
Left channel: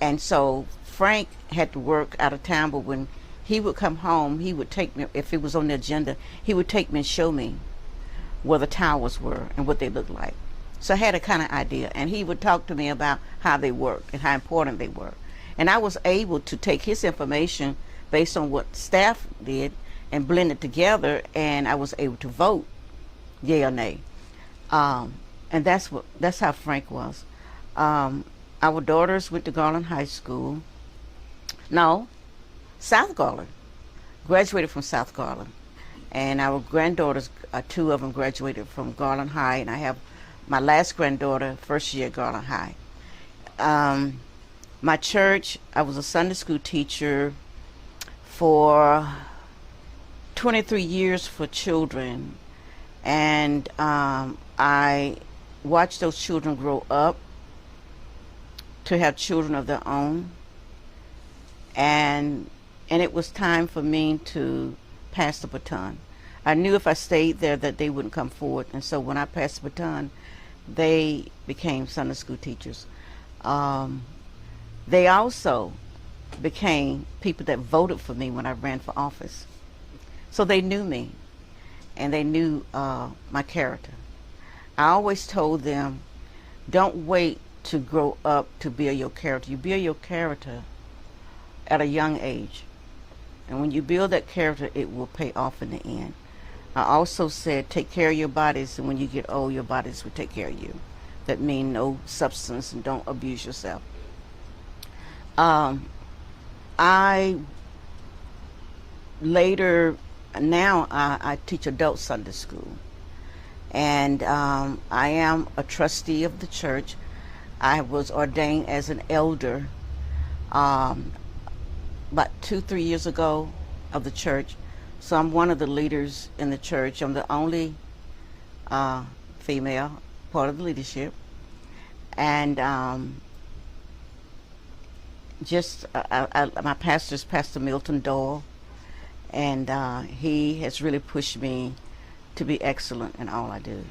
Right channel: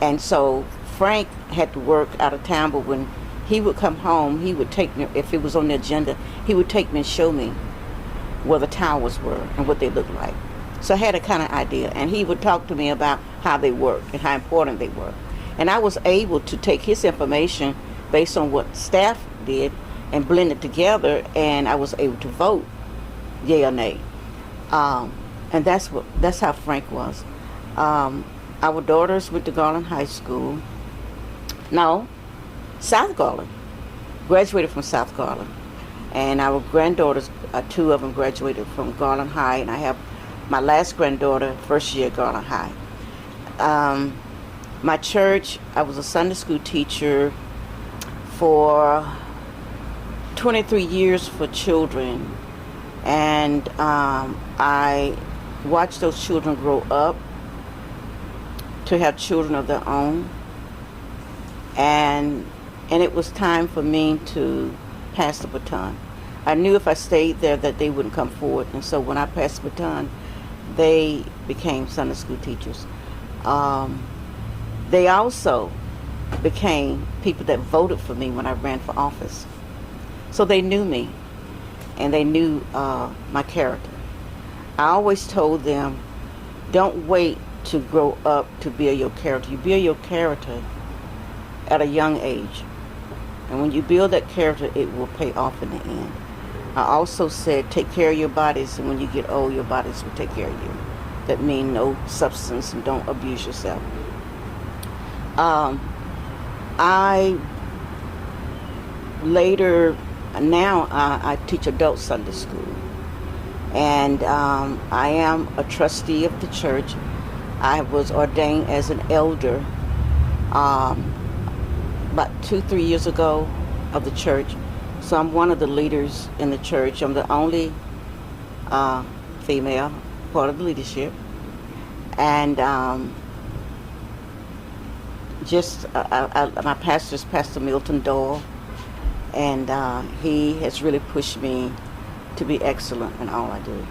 And so Frank had to work out of town, but when he would come home, he would take me, if it was on the agenda, he would take me and show me where the towers were and what they looked like. So I had a kind of idea, and he would talk to me about how they worked and how important they were. And I was able to take his information based on what staff did and blend it together, and I was able to vote yay or nay. And that's how Frank was. Our daughters went to Garland High School. No, South Garland. Graduated from South Garland. And our granddaughters, 2 of them graduated from Garland High, and I have my last granddaughter, first year at Garland High. My church, I was a Sunday school teacher for 23 years for children, and I watched those children grow up to have children of their own, and it was time for me to pass the baton. I knew if I stayed there that they wouldn't come forward, and so when I passed the baton, they became Sunday school teachers. They also became people that voted for me when I ran for office. So they knew me, and they knew my character. I always told them, don't wait to grow up to build your character. You build your character at a young age. And when you build that character, it will pay off in the end. I also said, take care of your bodies, and when you get old, your bodies will take care of you. That means no substance and don't abuse yourself. I teach adult Sunday school, and I am a trustee of the church. I was ordained as an elder about 2-3 years ago of the church, so I'm one of the leaders in the church. I'm the only female part of the leadership, and my pastor is Pastor Milton Doyle, and he has really pushed me to be excellent in all I do.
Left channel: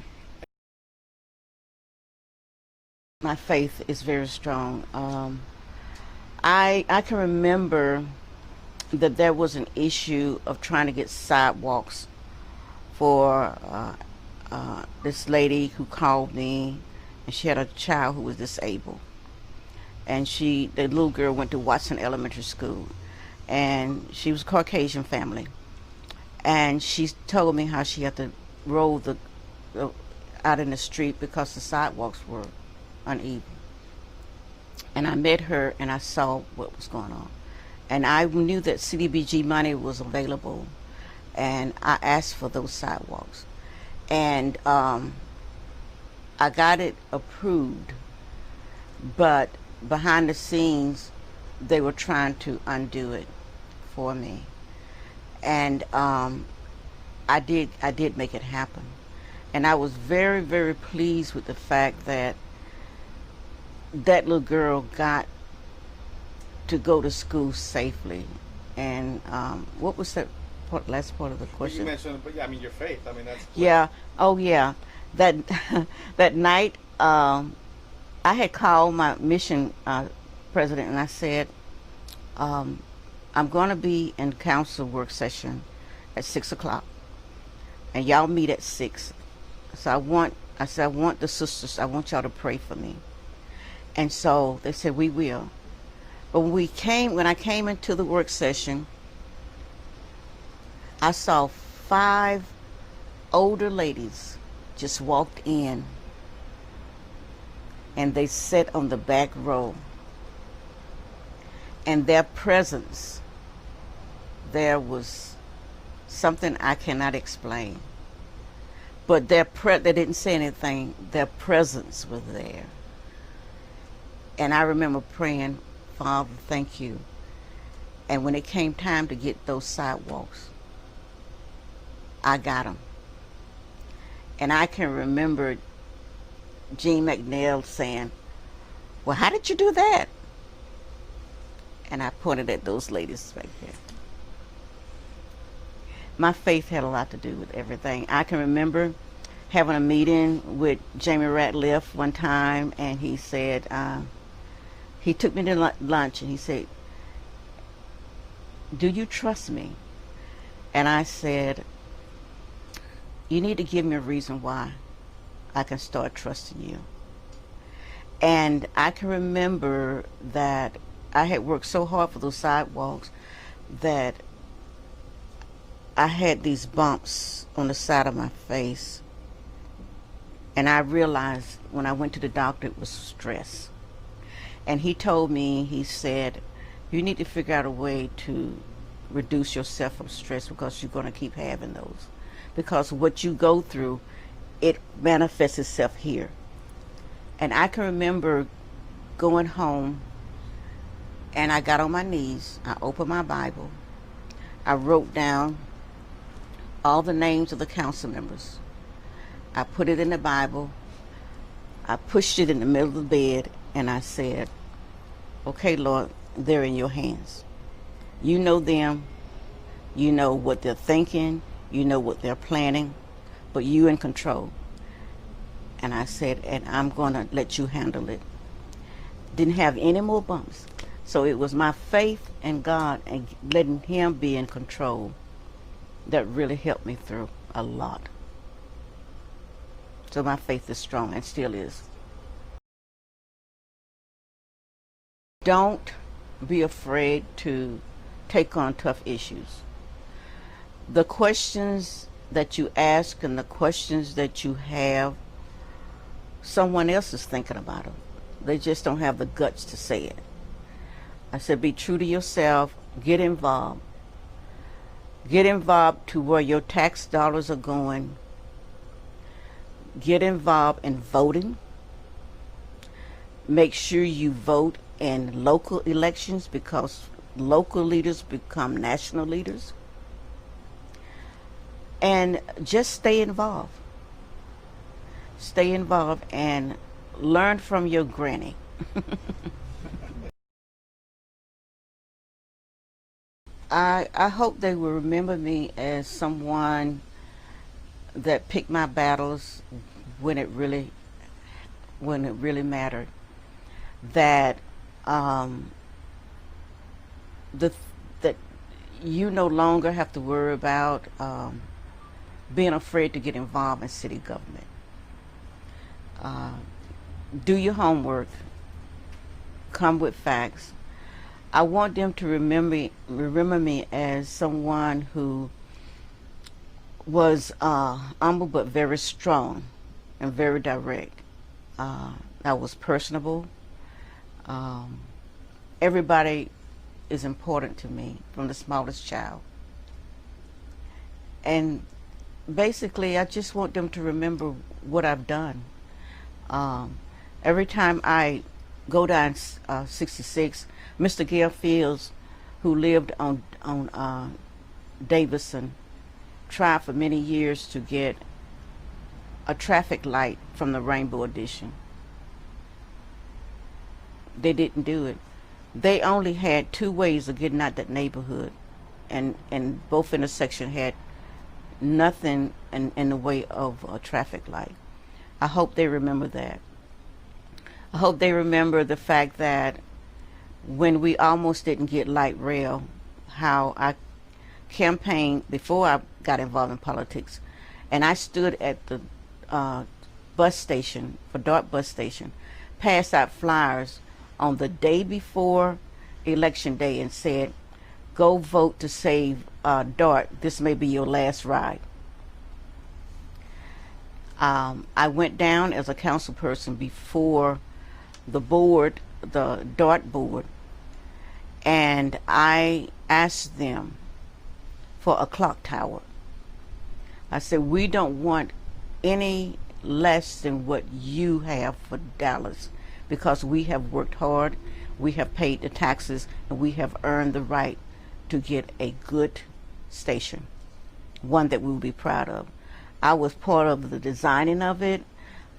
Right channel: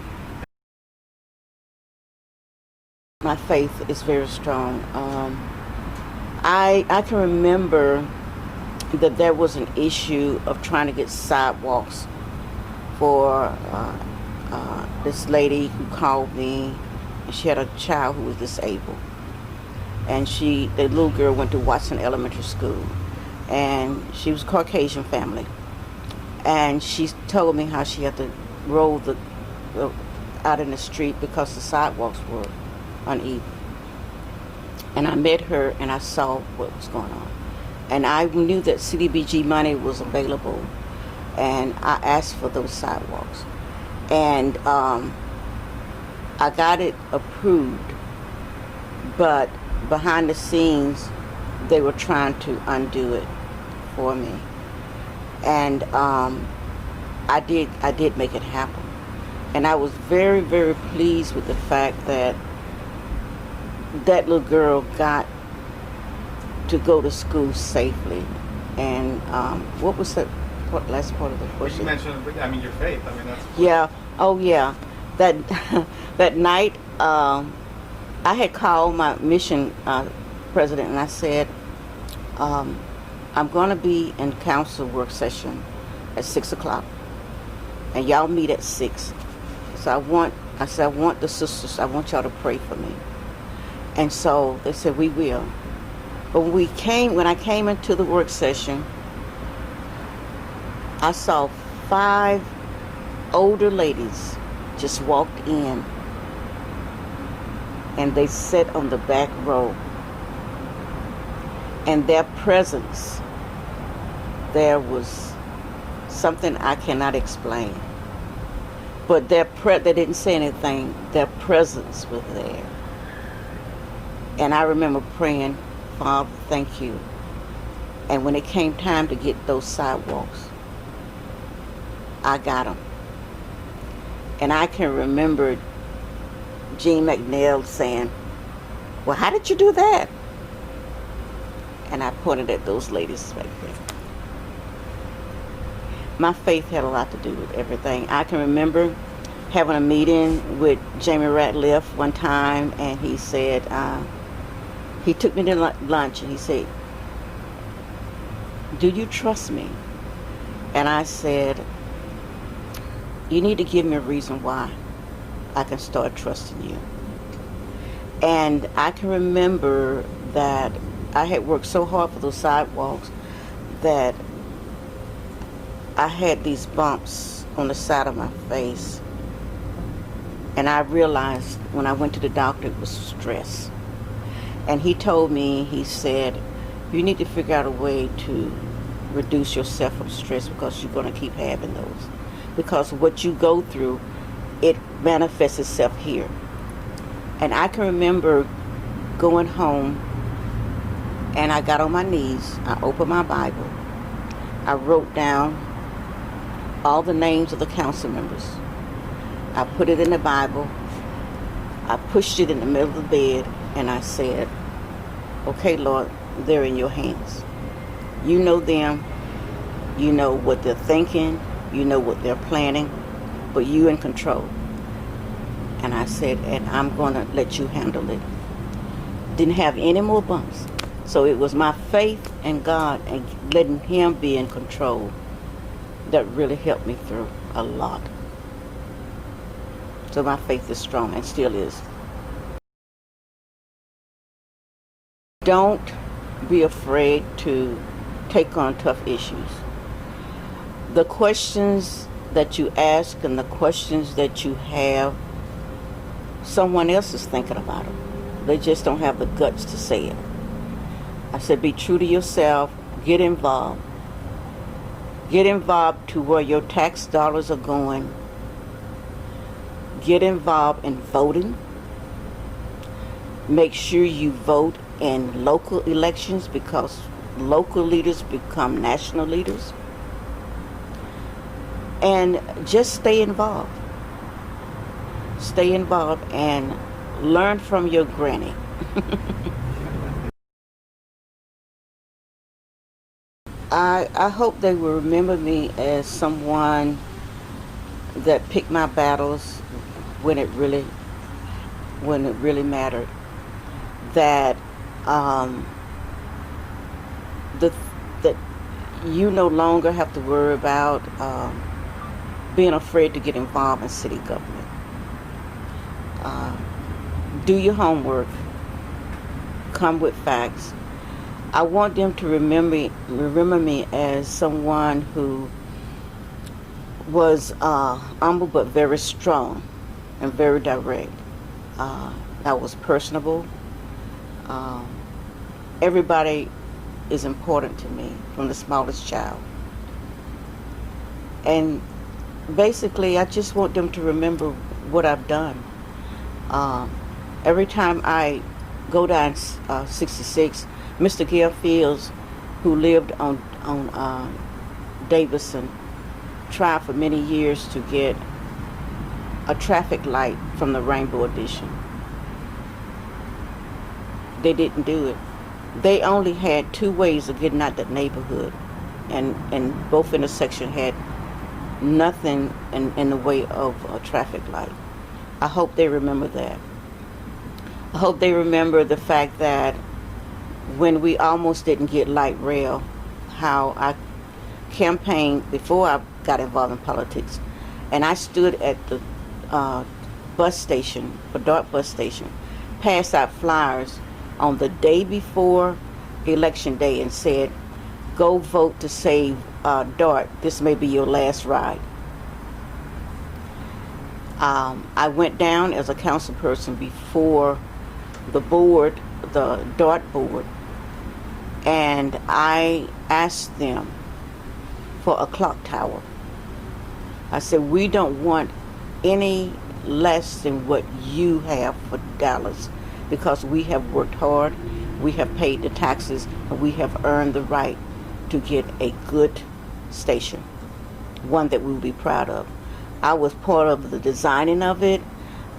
My faith is very strong. I can remember that there was an issue of trying to get sidewalks for this lady who called me, and she had a child who was disabled. And the little girl went to Watson Elementary School, and she was a Caucasian family. And she told me how she had to roll out in the street because the sidewalks were uneven. And I met her, and I saw what was going on. And I knew that CDBG money was available, and I asked for those sidewalks. And I got it approved, but behind the scenes, they were trying to undo it for me. And I did make it happen. And I was very, very pleased with the fact that that little girl got to go to school safely. And what was that last part of the question? You mentioned, your faith. That's... Yeah. Oh, yeah. That night, I had called my mission president, and I said, I'm going to be in council work session at 6 o'clock, and y'all meet at 6. So I want the sisters, I want y'all to pray for me. And so they said, we will. But when I came into the work session, I saw 5 older ladies just walked in, and they sat on the back row, and their presence, there was something I cannot explain. But they didn't say anything. Their presence was there. And I remember praying, Father, thank you. And when it came time to get those sidewalks, I got them. And I can remember Gene McNeil saying, well, how did you do that? And I pointed at those ladies right there. My faith had a lot to do with everything. I can remember having a meeting with Jamie Ratliff one time, and he said, he took me to lunch, and he said, do you trust me? And I said, you need to give me a reason why I can start trusting you. And I can remember that I had worked so hard for those sidewalks that I had these bumps on the side of my face. And I realized when I went to the doctor, it was stress. And he told me, he said, you need to figure out a way to reduce yourself from stress, because you're going to keep having those. Because what you go through, it manifests itself here. And I can remember going home, and I got on my knees, I opened my Bible, I wrote down all the names of the council members. I put it in the Bible, I pushed it in the middle of the bed, and I said, okay, Lord, they're in your hands. You know them, you know what they're thinking, you know what they're planning, but you in control. And I said, and I'm going to let you handle it. Didn't have any more bumps. So it was my faith in God and letting Him be in control that really helped me through a lot. So my faith is strong and still is. Don't be afraid to take on tough issues. The questions that you ask and the questions that you have, someone else is thinking about them. They just don't have the guts to say it. I said, be true to yourself. Get involved. Get involved to where your tax dollars are going. Get involved in voting. Make sure you vote in local elections, because local leaders become national leaders. And just stay involved. Stay involved and learn from your granny. I hope they will remember me as someone that picked my battles when it really mattered. That that you no longer have to worry about being afraid to get involved in city government. Do your homework. Come with facts. I want them to remember me as someone who was humble but very strong and very direct. I was personable. Everybody is important to me, from the smallest child. And basically, I just want them to remember what I've done. Every time I go down 66, Mr. Gail Fields, who lived on Davidson, tried for many years to get a traffic light from the Rainbow Edition. They didn't do it. They only had two ways of getting out that neighborhood, and both intersections had nothing in the way of a traffic light. I hope they remember that. I hope they remember the fact that when we almost didn't get light rail, how I campaigned before I got involved in politics, and I stood at the bus station, a dark bus station, passed out flyers on the day before election day and said, go vote to save DART. This may be your last ride. I went down as a council person before the board, the DART board, and I asked them for a clock tower. I said, we don't want any less than what you have for Dallas, because we have worked hard, we have paid the taxes, and we have earned the right to get a good station, one that we'll be proud of. I was part of the designing of it.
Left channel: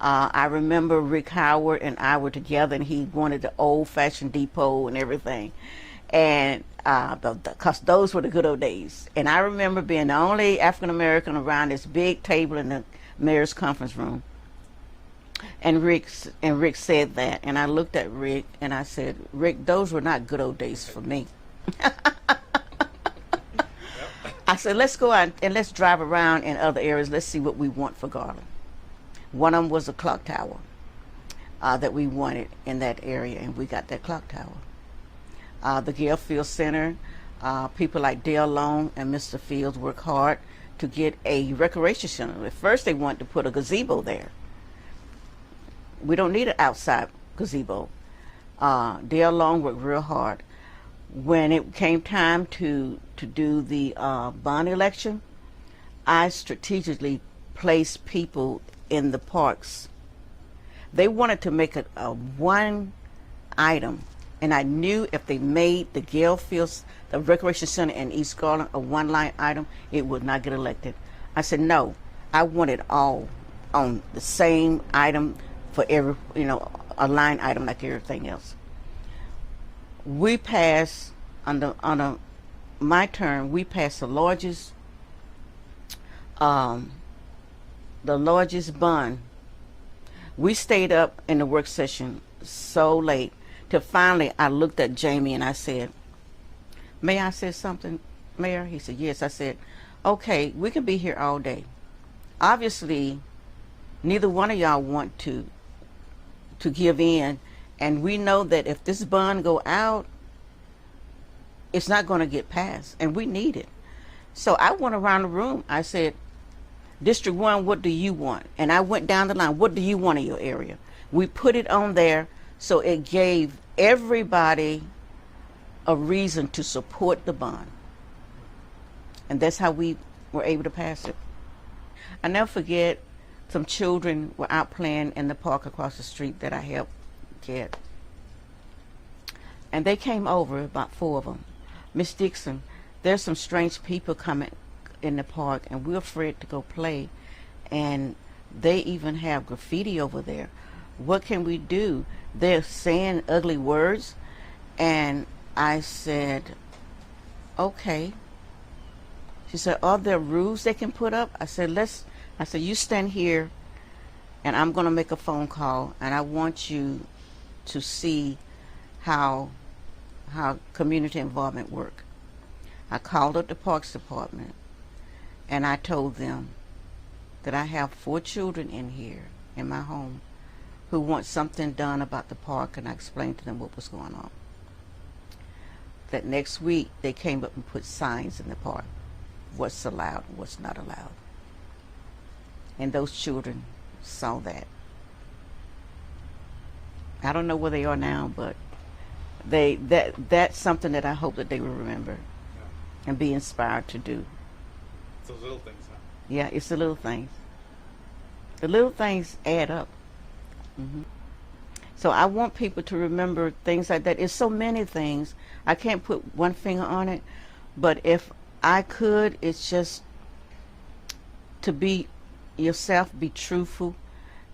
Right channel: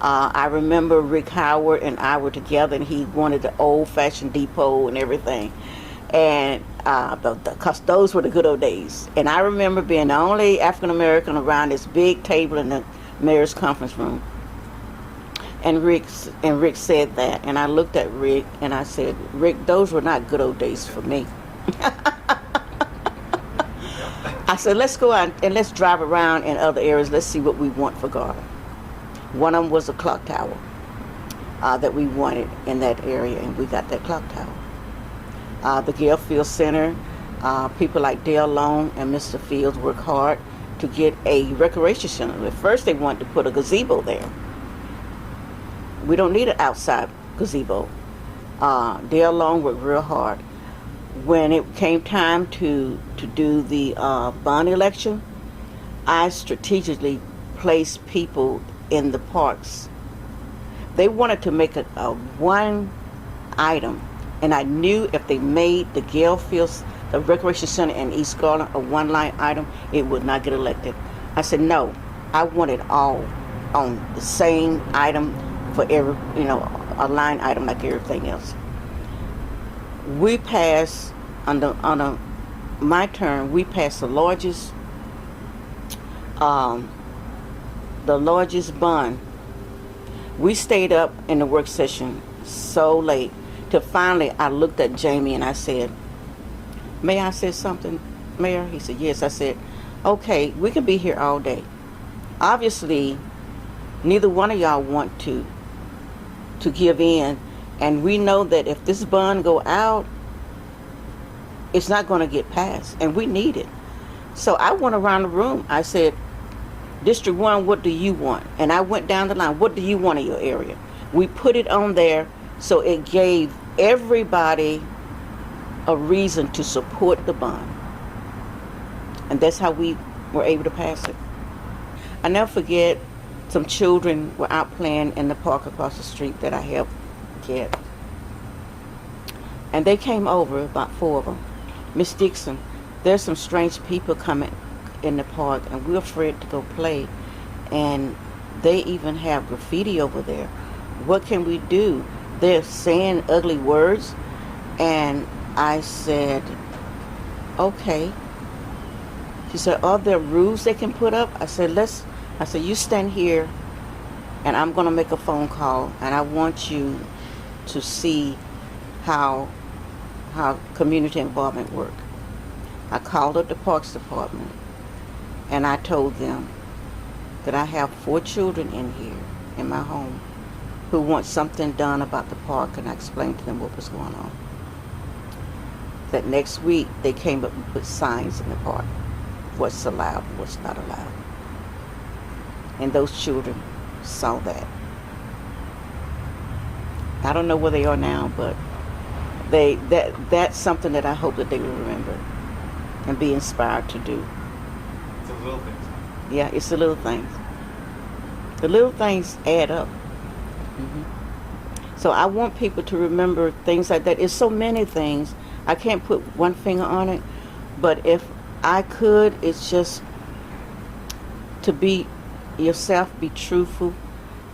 I remember Rick Howard and I were together, and he wanted the old-fashioned depot and everything. And because those were the good old days. And I remember being the only African-American around this big table in the mayor's conference room. And Rick said that. And I looked at Rick, and I said, Rick, those were not good old days for me. I said, let's go out and let's drive around in other areas. Let's see what we want for Garland. One of them was a clock tower that we wanted in that area, and we got that clock tower. The Gale Field Center, people like Dale Long and Mr. Fields worked hard to get a recreation center. At first they wanted to put a gazebo there. We don't need an outside gazebo. Dale Long worked real hard. When it came time to do the bond election, I strategically placed people in the parks. They wanted to make a one item, and I knew if they made the Gale Fields, the Recreation Center in East Garland, a one-line item, it would not get elected. I said, no, I want it all on the same item for every, a line item like everything else. We passed, on my term, we passed the largest bond. We stayed up in the work session so late till finally I looked at Jamie and I said, may I say something, Mayor? He said, yes. I said, okay, we can be here all day. Obviously, neither one of y'all want to give in, and we know that if this bond go out, it's not going to get passed, and we need it. So I went around the room. I said, District 1, what do you want? And I went down the line, what do you want in your area? We put it on there so it gave everybody a reason to support the bond. And that's how we were able to pass it. I never forget, some children were out playing in the park across the street that I helped get. And they came over, about 4 of them. Miss Dickson, there's some strange people coming in the park, and we're afraid to go play. And they even have graffiti over there. What can we do? They're saying ugly words. And I said, okay. She said, are there rules they can put up? I said, you stand here, and I'm going to make a phone call, and I want you to see how community involvement work. I called up the Parks Department, and I told them that I have 4 children in here, in my home, who want something done about the park, and I explained to them what was going on. That next week, they came up and put signs in the park, what's allowed, what's not allowed. And those children saw that. I don't know where they are now, but that's something that I hope that they will remember and be inspired to do. It's the little things. Yeah, it's the little things. The little things add up. Mm-hmm. So I want people to remember things like that. It's so many things. I can't put one finger on it, but if I could, it's just to be yourself, be truthful,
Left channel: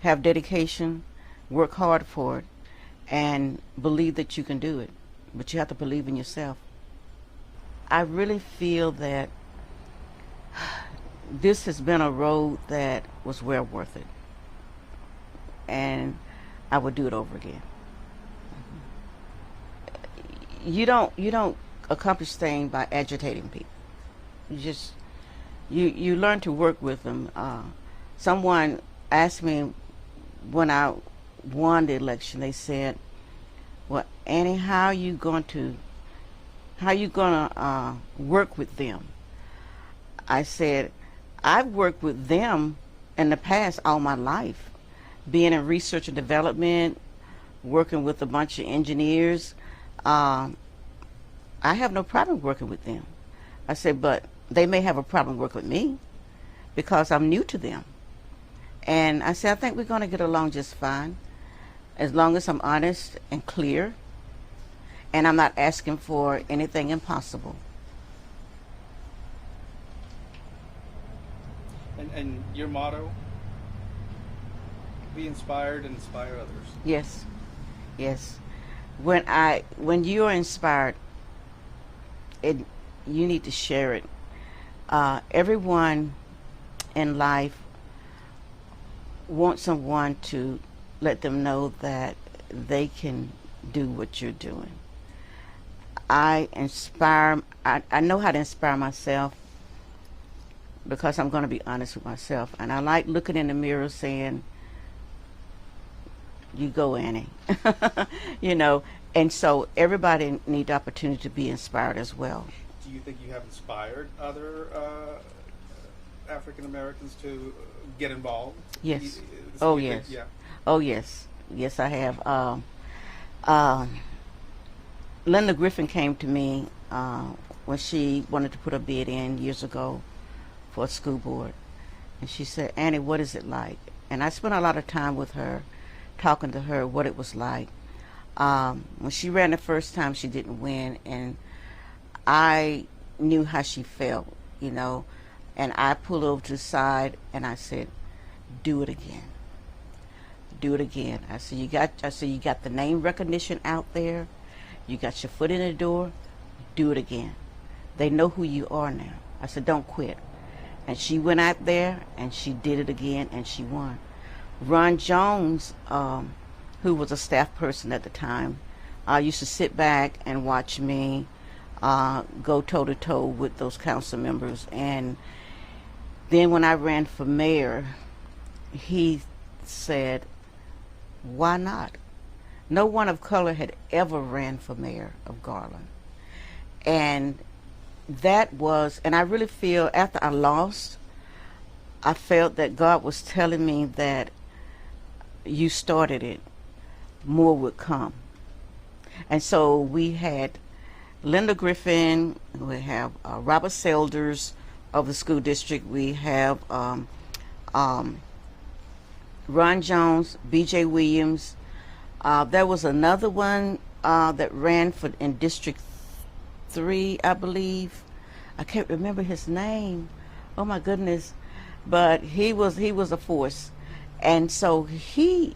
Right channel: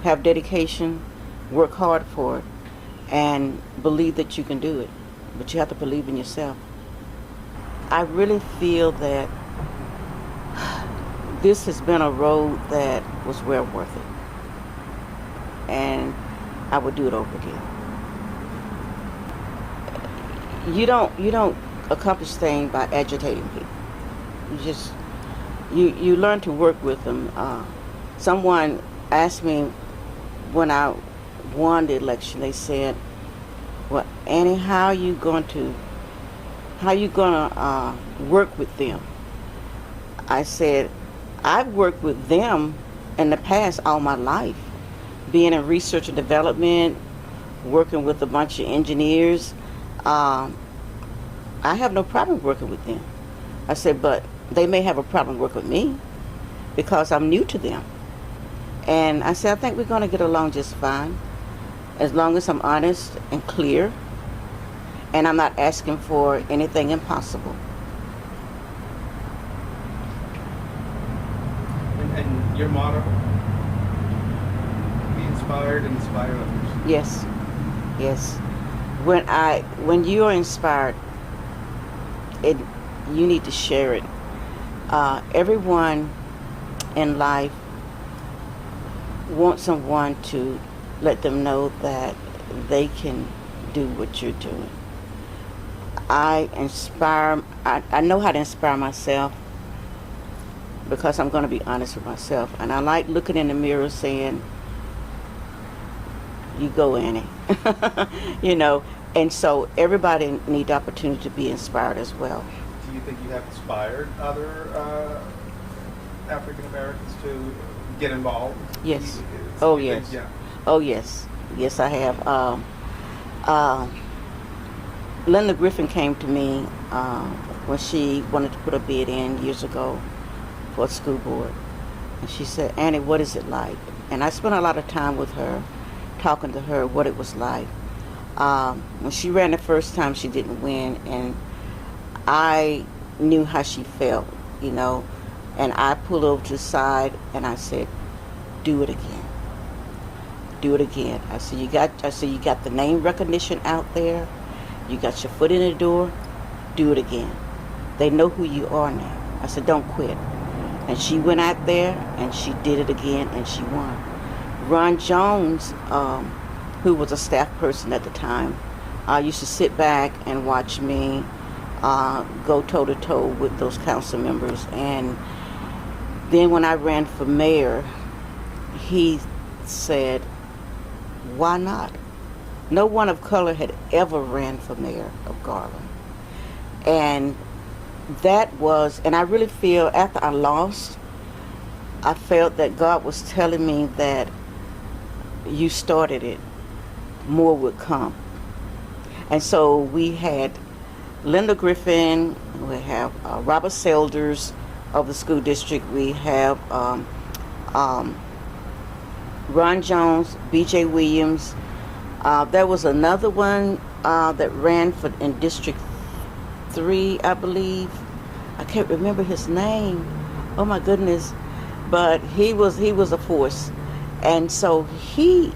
have dedication, work hard for it, and believe that you can do it. But you have to believe in yourself. I really feel that this has been a road that was well worth it. And I would do it over again. You don't accomplish things by agitating people. You learn to work with them. Someone asked me when I won the election, they said, well, Annie, how are you going to work with them? I said, I've worked with them in the past all my life, being in research and development, working with a bunch of engineers. Um, I have no problem working with them. I said, but they may have a problem working with me because I'm new to them. And I said, I think we're going to get along just fine as long as I'm honest and clear and I'm not asking for anything impossible. And your motto? Be inspired and inspire others. Yes, yes. When you are inspired, it you need to share it. Everyone in life wants someone to let them know that they can do what you're doing. I know how to inspire myself because I'm going to be honest with myself. And I like looking in the mirror saying, you go, Annie. You know, and so everybody needs the opportunity to be inspired as well. Do you think you have inspired other African Americans to get involved? Yes. So Oh, you yes. think- yeah. Oh, yes. Yes, I have. Linda Griffin came to me when she wanted to put a bid in years ago for a school board. And she said, Annie, what is it like? And I spent a lot of time with her, talking to her what it was like. When she ran the first time, she didn't win. And I knew how she felt, you know. And I pulled over to the side and I said, do it again. Do it again. I said, you got the name recognition out there. You got your foot in the door. Do it again. They know who you are now. I said, don't quit. And she went out there and she did it again and she won. Ron Jones, who was a staff person at the time, used to sit back and watch me go toe-to-toe with those council members. And then when I ran for mayor, he said, why not? No one of color had ever ran for mayor of Garland. And and I really feel after I lost, I felt that God was telling me that you started it, more would come. And so we had Linda Griffin, we have Robert Selders of the school district, we have Ron Jones, B.J. Williams. There was another one that ran in District 3, I believe. I can't remember his name. Oh my goodness. But he was a force. And so he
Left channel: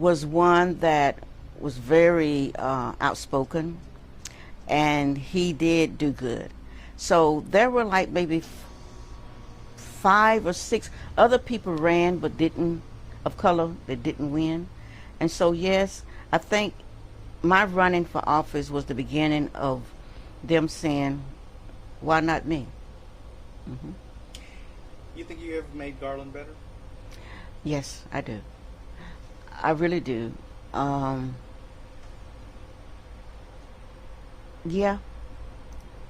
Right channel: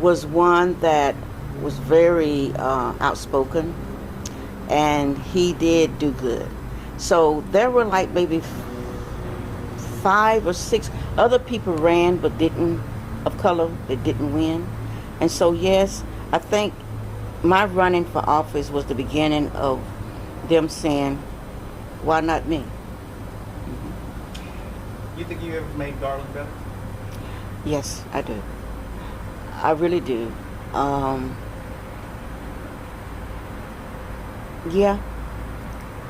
was one that was very outspoken, and he did do good. So there were like maybe 5 or 6 other people ran but of color that didn't win. And so yes, I think my running for office was the beginning of them saying, why not me? You think you ever made Garland better? Yes, I do. I really do. Yeah,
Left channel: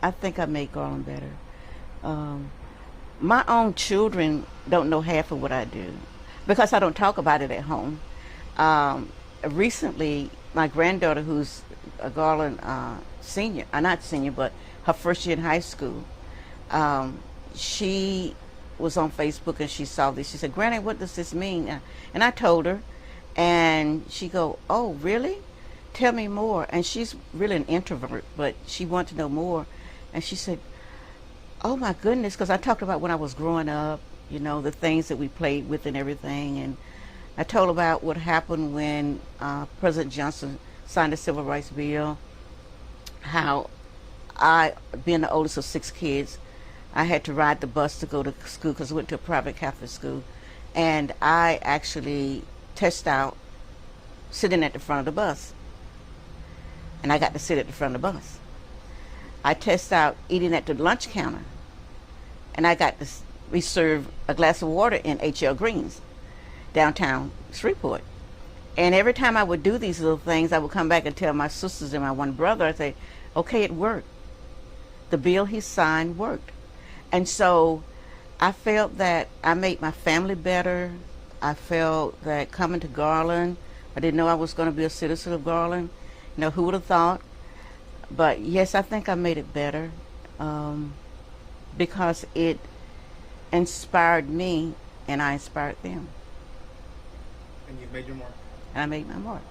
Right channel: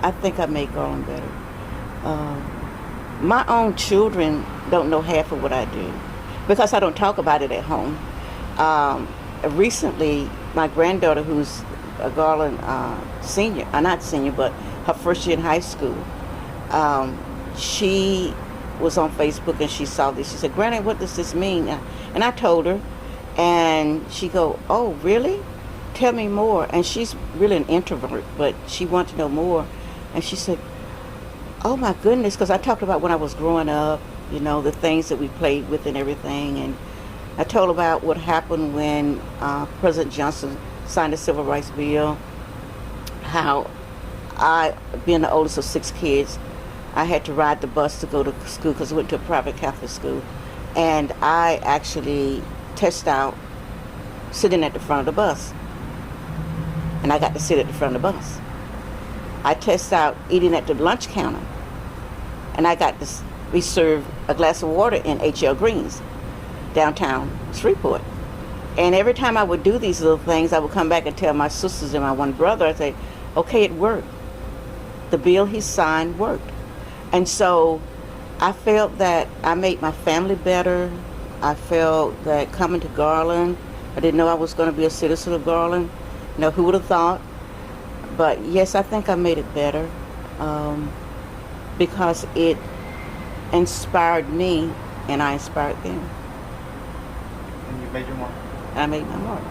I think I made Garland better. My own children don't know half of what I do because I don't talk about it at home. Recently, my granddaughter, who's a Garland senior, not senior, but her first year in high school, she was on Facebook and she saw this. She said, Granny, what does this mean? And I told her, and she go, oh, really? Tell me more. And she's really an introvert, but she wanted to know more. And she said, oh my goodness, because I talked about when I was growing up, you know, the things that we played with and everything. And I told about what happened when President Johnson signed the Civil Rights Bill, how I, being the oldest of 6 kids, I had to ride the bus to go to school because I went to a private Catholic school. And I actually tested out sitting at the front of the bus. And I got to sit at the front of the bus. I tested out eating at the lunch counter. And I got to be served a glass of water in H.L. Green's, downtown Shreveport. And every time I would do these little things, I would come back and tell my sisters and my one brother, I'd say, okay, it worked. The bill he signed worked. And so I felt that I made my family better. I felt that coming to Garland, I didn't know I was going to be a citizen of Garland. Who would have thought? But yes, I think I made it better um, because it inspired me and I inspired them. And you made your mark. I made my mark.